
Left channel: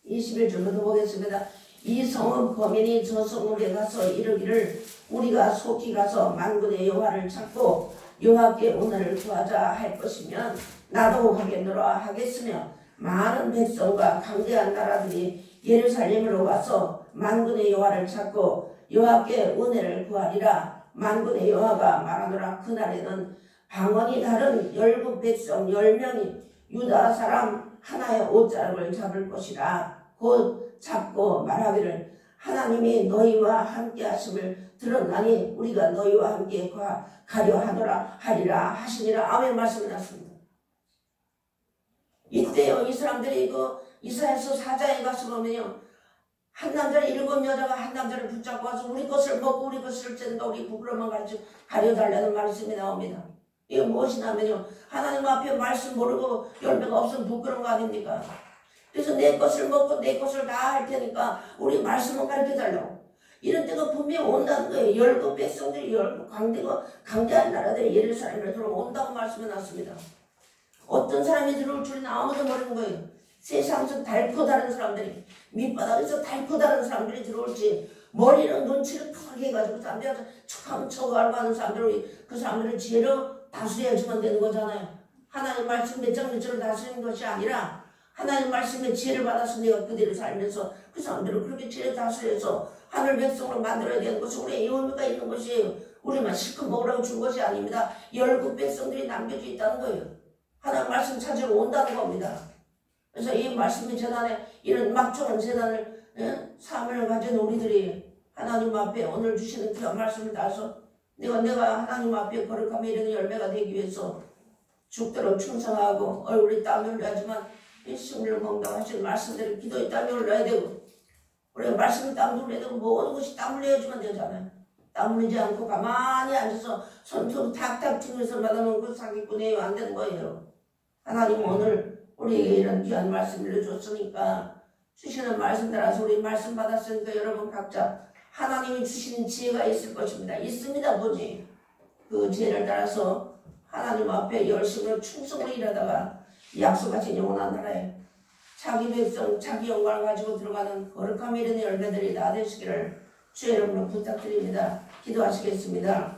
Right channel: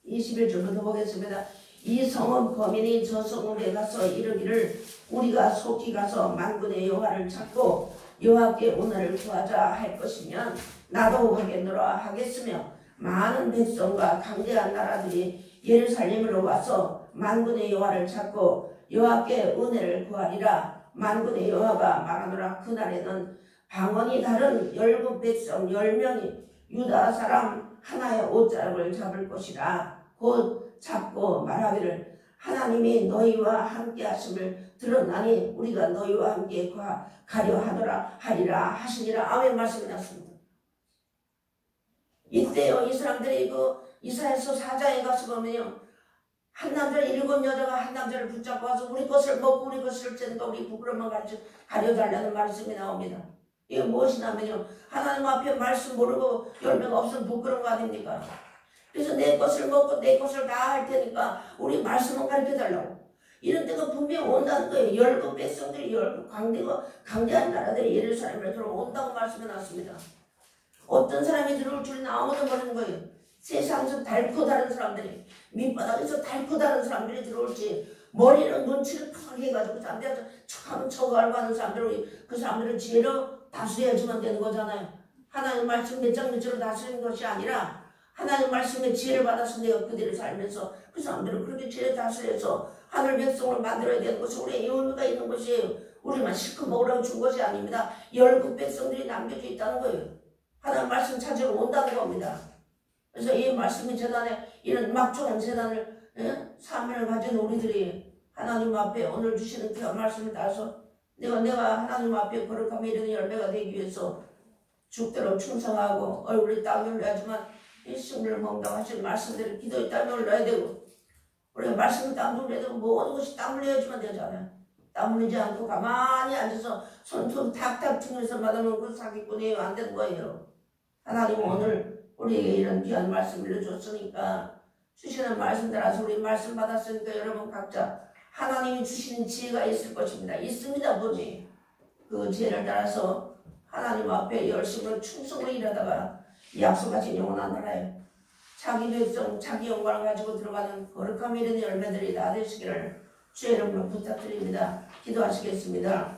21절부터 보겠습니다. 이 성읍 거민이 저 성읍에 가서 이르기를 우리가 속히 가서 만군의 여호와를 찾고 여호와께 은혜를 구하자 할 것이면 나도 하겠노라 하겠으며, 많은 백성과 강대한 나라들이 예루살렘으로 와서 만군의 여호와를 찾고 여호와께 은혜를 구하리라. 만군의 여호와가 말하노라. 그날에는 방언이 다른 17백성 10명이 유다 사람 하나의 옷자락을 잡을 것이라. 곧 잡고 말하기를 하나님이 너희와 함께 하심을 들었나니 우리가 너희와 함께 가려 하노라 하리라 하시니라. 아멘. 말씀이 났습니다. 이때요, 이 사람들이 이사야서 4장에 가서 보면요, 한 남자 7 여자가 한 남자를 붙잡고 와서 우리 것을 먹고 우리 것을 쬐는가 우리 부끄러움만 가려달라는 말씀이 나옵니다. 이거 무엇이냐면요, 하나님 앞에 말씀 모르고 열매가 없으면 부끄러운 거 아닙니까? 그래서 내 것을 먹고 내 것을 다 할 테니까 우리 말씀만 가르쳐달라고. 이런 때가 분명히 온다는 거예요. 열국 백성들이 강대한 나라들이 예루살렘을 들어온다고 말씀해놨습니다. 어떤 사람이 들어올 줄은 아무도 모르는 거예요. 세상에서 달고 다른 사람들이, 밑바닥에서 달고 다른 사람들이 들어올지, 머리는 눈치를 크게 해가지고 딴데서 척하면 척 알고 하는 사람들이 그 사람들을 지혜로 다스려야지만 되는 거잖아요. 하나님 말씀 몇 장 몇 절로 다스리는 것이 아니라 하나님 말씀의 지혜를 받아서 내가 그대로 살면서 그 사람들을 그렇게 지혜를 다스려서 하늘 백성으로 만들어야 되는 것이 우리의 의무가 있는 것이에요. 우리만 실컷 먹으라고 준 것이 아닙니다. 17 백성들이 남겨져 있다는 거예요. 하나님 말씀 찾으러 온다는 겁니다. 그래서 이 말씀의 재단에 이런 막중한 재단을 사명을 가진 우리들이 하나님 앞에 오늘 주시는 그 말씀을 따서 내가 하나님 앞에 거룩하며 이런 열매가 되기 위해서 죽도록 충성하고 얼굴에 땀을 흘려야지만 이 식물을 먹는다고 하신 말씀들을 기도에 땀을 흘려야 되고, 우리가 말씀에 땀을 흘려야 되고 모든 것이 땀을 흘려야지만 되잖아요. 땀 흘리지 않고 가만히 앉아서 손톱 탁탁 튕겨서 받아놓은 사기꾼이에요. 안 되는 거예요. 하나님 오늘 우리에게 이런 귀한 말씀을 줬으니까 주시는 말씀 따라서 우리 말씀 받았으니까 여러분 각자 하나님이 주시는 지혜가 있을 것입니다. 있습니다. 보니 그 지혜를 따라서 하나님 앞에 열심으로 충성으로 일하다가 약속하신 영원한 나라에 자기 백성 자기 영광을 가지고 들어가는 거룩함이 이르는 열매들이 다 되시기를 주의 이름으로 부탁드립니다. 기도하시겠습니다.